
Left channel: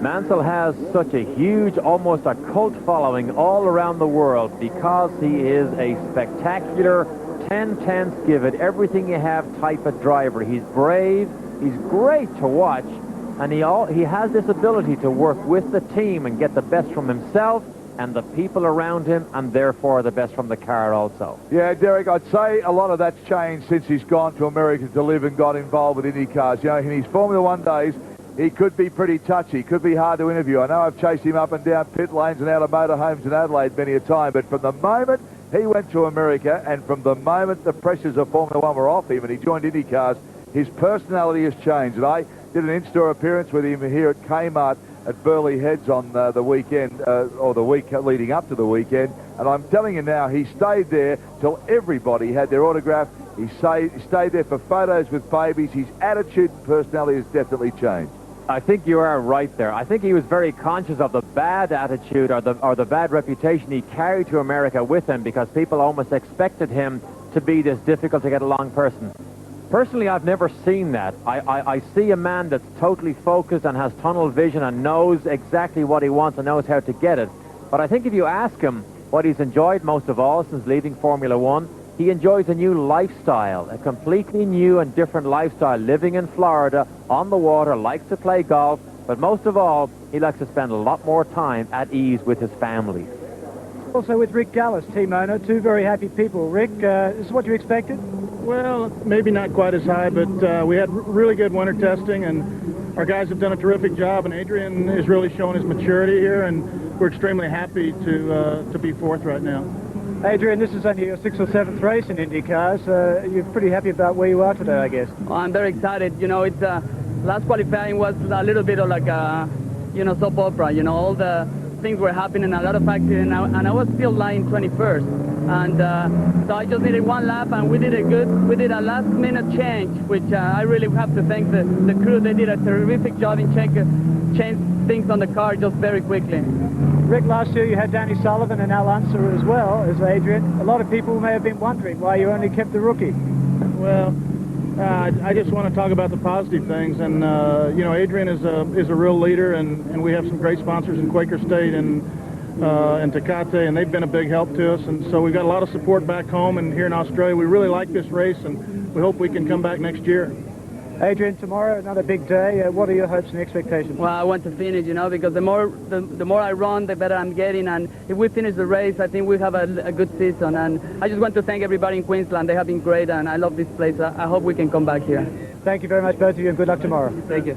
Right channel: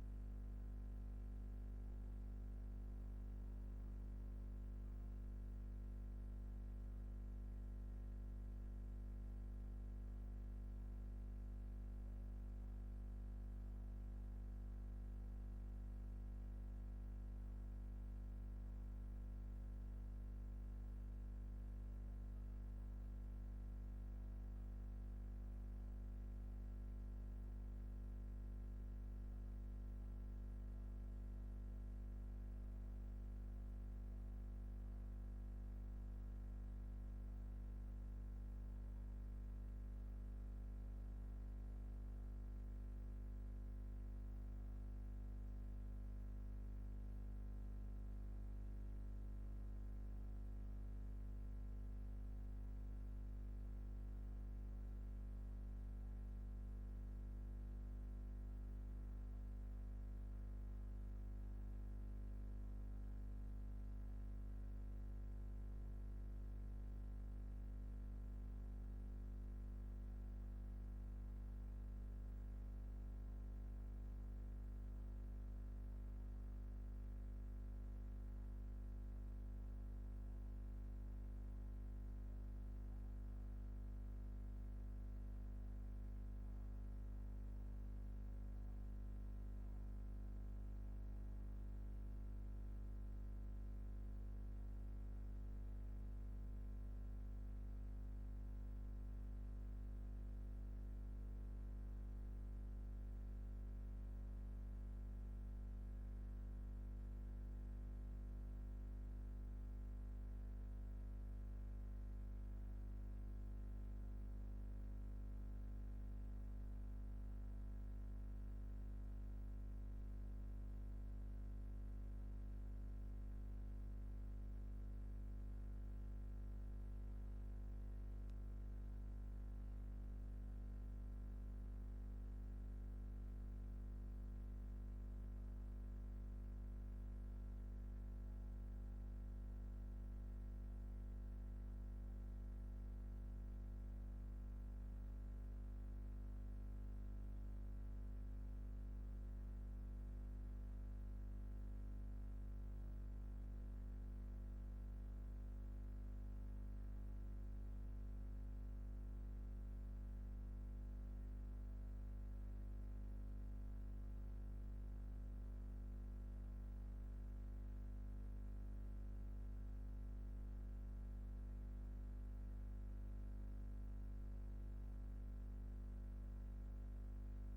Mansell has such a huge, almost a cult following all around the world because he is a spectacular 10-10 give it everything you have type of driver. He's brave, he's great to watch, and he has this ability to work with the team and get the best from himself and the people around him, and therefore the best from the car also. Yeah, Derek, I'd say a lot of that's changed since he's gone to America to live and got involved with Indy cars. You know, in his Formula One days, he could be pretty touchy, could be hard to interview. I know I've chased him up and down pit lanes and out of motorhomes in Adelaide many a time, but from the moment he went to America and from the moment the pressures of Formula One were off him and he joined Indy cars, his personality has changed. And I did an in-store appearance with him here at Kmart at Burleigh Heads on the weekend, or the week leading up to the weekend, and I'm telling you now, he stayed there till everybody had their autograph. He stayed there for photos with babies. His attitude and personality has definitely changed. I think you are right there. I think he was very conscious of the bad attitude or the bad reputation he carried to America with him, because people almost expected him to be this difficult to get along person. Personally, I've never seen that. I see a man that's totally focused and has tunnel vision and knows exactly what he wants and knows how to get it. But I think if you ask him what he's enjoyed most of all since leaving Formula One, he enjoys a new lifestyle, a completely new and different lifestyle, living in Florida, on the water, likes to play golf, but most of all, he likes to spend a lot more time at ease with his family. Also with Rick Gallis, team owner, two very happy people. Rick, this is what you expected? Well, maybe not quite as high, but we had really good winter testing, and our guys have done a terrific job, and Adrian is really showing his maturity here, and we're extremely happy to be fourth right now. Adrian, this is only your 6th or 7th race in Indy cars. You're pretty happy about where you are today, I guess. Well, I'm very excited. You know, it's last qualifying was a little bit of like a, you know, soap opera. You know, all the things were happening, a lot of accidents, and I was still lying 21st. And so I just needed one lap, and we did a last-minute change, which I really have to thank the crew. They did a terrific job in change things on the car just very quickly. Rick, last year you had Danny Sullivan and Al Unser as well as Adrian. A lot of people may have been wondering why you only kept the rookie. Well, I just want to talk about the positive things, and you know, Adrian is a real leader, and we have some great sponsors in Quaker State and Tecate, and they've been a big help to us, and so we've got a lot of support back home and here in Australia. We really like this race, and we hope we can come back next year. Adrian, tomorrow, another big day. What are your hopes and expectations? Well, I want to finish, you know, because the more I run, the better I'm getting, and if we finish the race, I think we have a good season. And I just want to thank everybody in Queensland. They have been great, and I love this place. I hope we can come back here. Thank you very much, both of you, and good luck tomorrow. Thank you.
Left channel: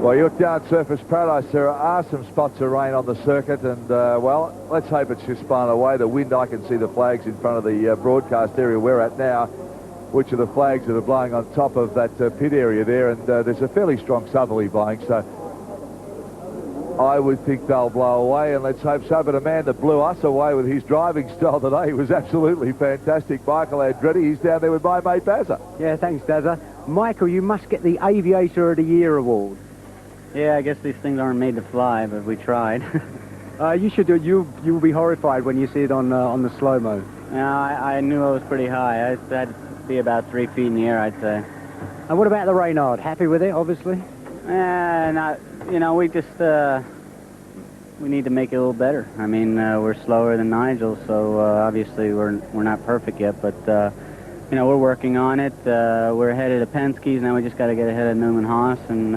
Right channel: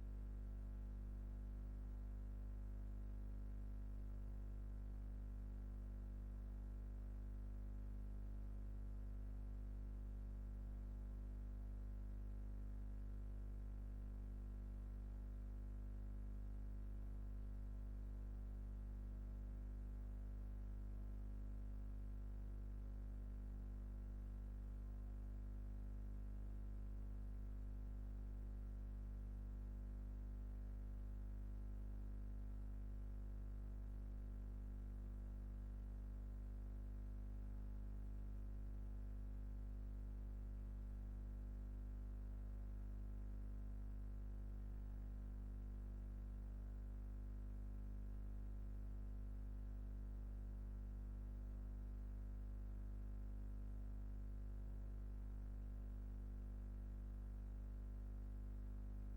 Well, you look down at Surface Paradise, there are some spots of rain on the circuit, and, well, let's hope it's just blown away. The wind, I can see the flags in front of the broadcast area we're at now, which are the flags that are blowing on top of that pit area there, and there's a fairly strong southerly blowing, so I would think they'll blow away, and let's hope so. But a man that blew us away with his driving style today was absolutely fantastic. Michael Andretti, he's down there with my mate Bazza. Yeah, thanks, Dazza. Michael, you must get the Aviator of the Year award. Yeah, I guess these things aren't made to fly, but we tried. You should do it. You'll be horrified when you see it on the slow-mo. I knew I was pretty high. I had to be about 3 feet in the air, I'd say. And what about the Reynard? Happy with it, obviously? Not, you know, we just, we need to make it a little better. I mean, we're slower than Nigel, so obviously we're not perfect yet, but you know, we're working on it. We're ahead of the Penske's, now we just got to get ahead of Newman Haas, and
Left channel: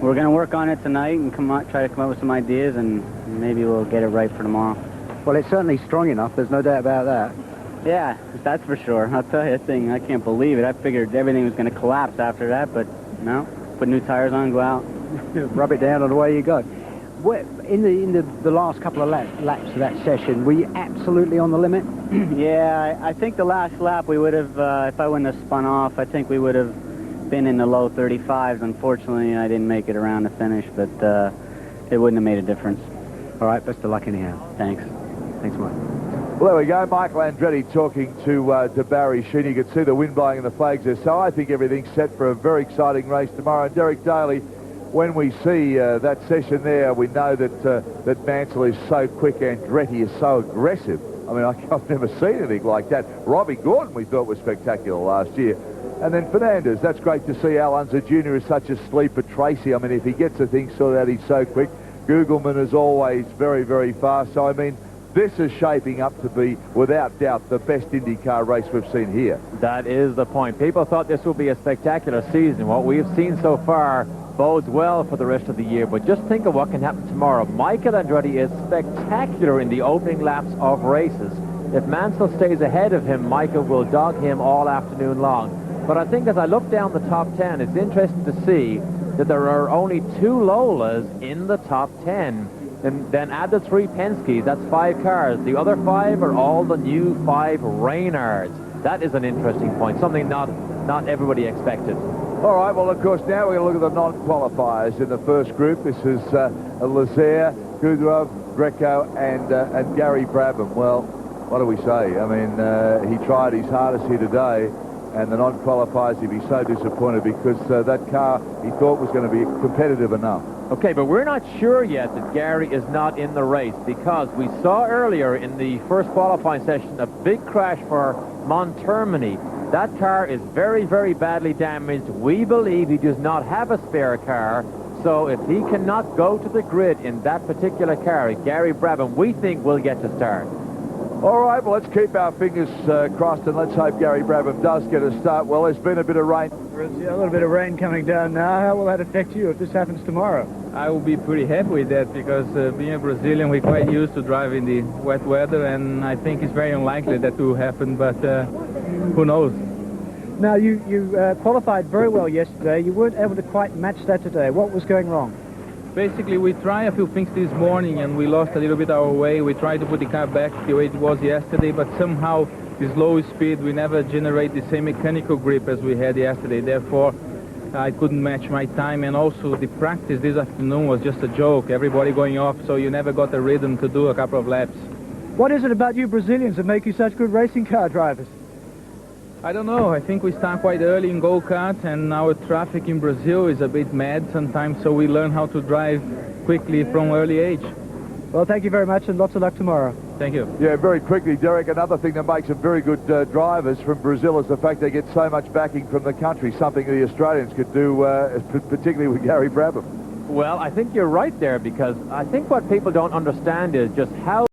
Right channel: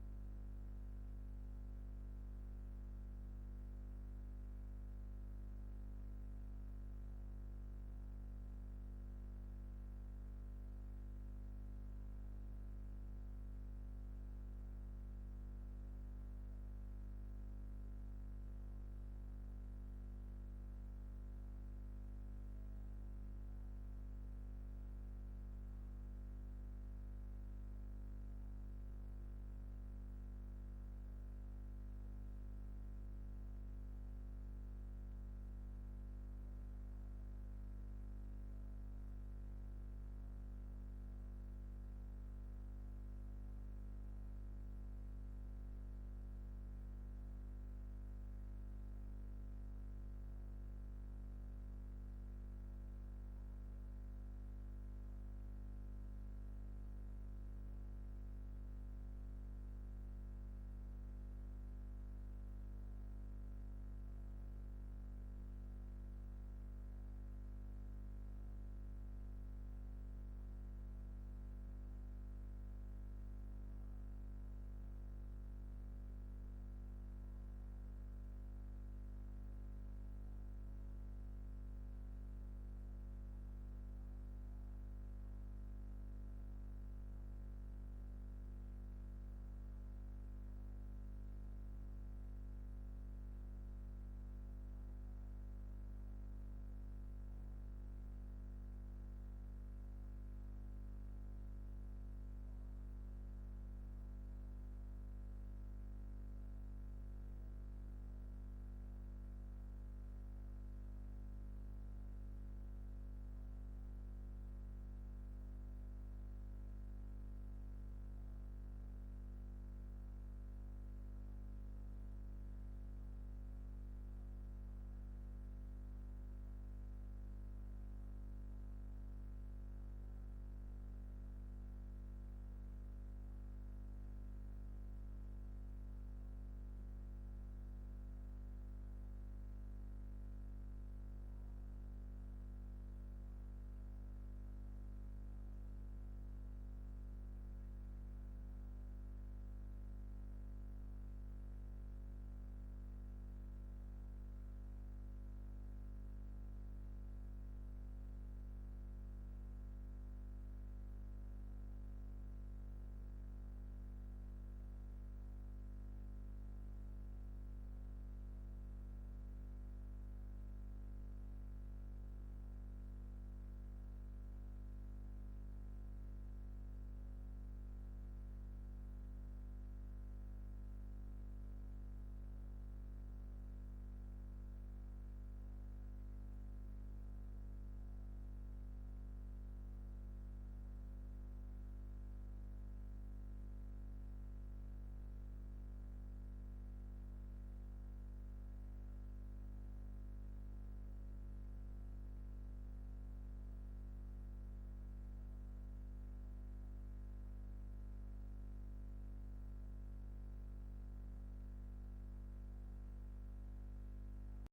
we're going to work on it tonight and try to come up with some ideas, and maybe we'll get it right for tomorrow. Well, it's certainly strong enough, there's no doubt about that. Yeah, that's for sure. I'll tell you that thing, I can't believe it. I figured everything was going to collapse after that, but no. Put new tires on, go out. Rub it down and away you go. In the last couple of laps of that session, were you absolutely on the limit? Yeah, I think the last lap we would have, if I wouldn't have spun off, I think we would have been in the low 35s. Unfortunately, I didn't make it around the finish, but it wouldn't have made a difference. All right, best of luck anyhow. Thanks. Thanks, Mike. Well, there we go. Michael Andretti talking to Barry Sheen. You can see the wind blowing in the flags there. So I think everything's set for a very exciting race tomorrow. And Derek Daly, when we see that session there, we know that Mansell is so quick. Andretti is so aggressive. I mean, I've never seen anything like that. Robbie Gordon, we thought was spectacular last year. And then Fernandez, that's great to see. Al Unser Jr. is such a sleeper. Tracy, I mean, if he gets the thing sorted out, he's so quick. Gugelman is always very, very fast. So, I mean, this is shaping up to be, without doubt, the best IndyCar race we've seen here. That is the point. People thought this would be a spectacular season. What we've seen so far bodes well for the rest of the year, but just think of what can happen tomorrow. Michael Andretti is spectacular in the opening laps of races. If Mansell stays ahead of him, Michael will dog him all afternoon long. But I think as I look down the top 10, it's interesting to see that there are only 2 Lolas in the top 10. And then add the 3 Penske's, that's 5 cars. The other 5 are all the new 5 Reynards. That is an interesting point, something not everybody expected. All right, well, of course, now we're going to look at the non-qualifiers in the first group. This is Lazaire, Kudrov, Greco, and Gary Brabham. Well, what do we say? I mean, he tried his hardest here today, and the non-qualifiers, he'd be so disappointed because that car he thought was going to be competitive enough. Okay, but we're not sure yet that Gary is not in the race because we saw earlier in the first qualifying session a big crash for Montermini. That car is very, very badly damaged. We believe he does not have a spare car, so if he cannot go to the grid in that particular car, Gary Brabham, we think will get to start. All right, well, let's keep our fingers crossed and let's hope Gary Brabham does get a start. Well, there's been a bit of rain. Yeah, a little bit of rain coming down now. How will that affect you if this happens tomorrow? I will be pretty happy with that because being a Brazilian, we're quite used to driving the wet weather, and I think it's very unlikely that will happen, but who knows? Now, you qualified very well yesterday. You weren't able to quite match that today. What was going wrong? Basically, we tried a few things this morning, and we lost a little bit our way. We tried to put the car back the way it was yesterday, but somehow this low speed, we never generate the same mechanical grip as we had yesterday. Therefore, I couldn't match my time, and also the practice this afternoon was just a joke. Everybody going off, so you never got a rhythm to do a couple of laps. What is it about you Brazilians that make you such good racing car drivers? I don't know. I think we start quite early in go-kart, and our traffic in Brazil is a bit mad sometimes, so we learn how to drive quickly from early age. Well, thank you very much, and lots of luck tomorrow. Thank you. Yeah, very quickly, Derek, another thing that makes them very good drivers from Brazil is the fact they get so much backing from the country, something the Australians could do, particularly with Gary Brabham. Well, I think you're right there because I think what people don't understand is just how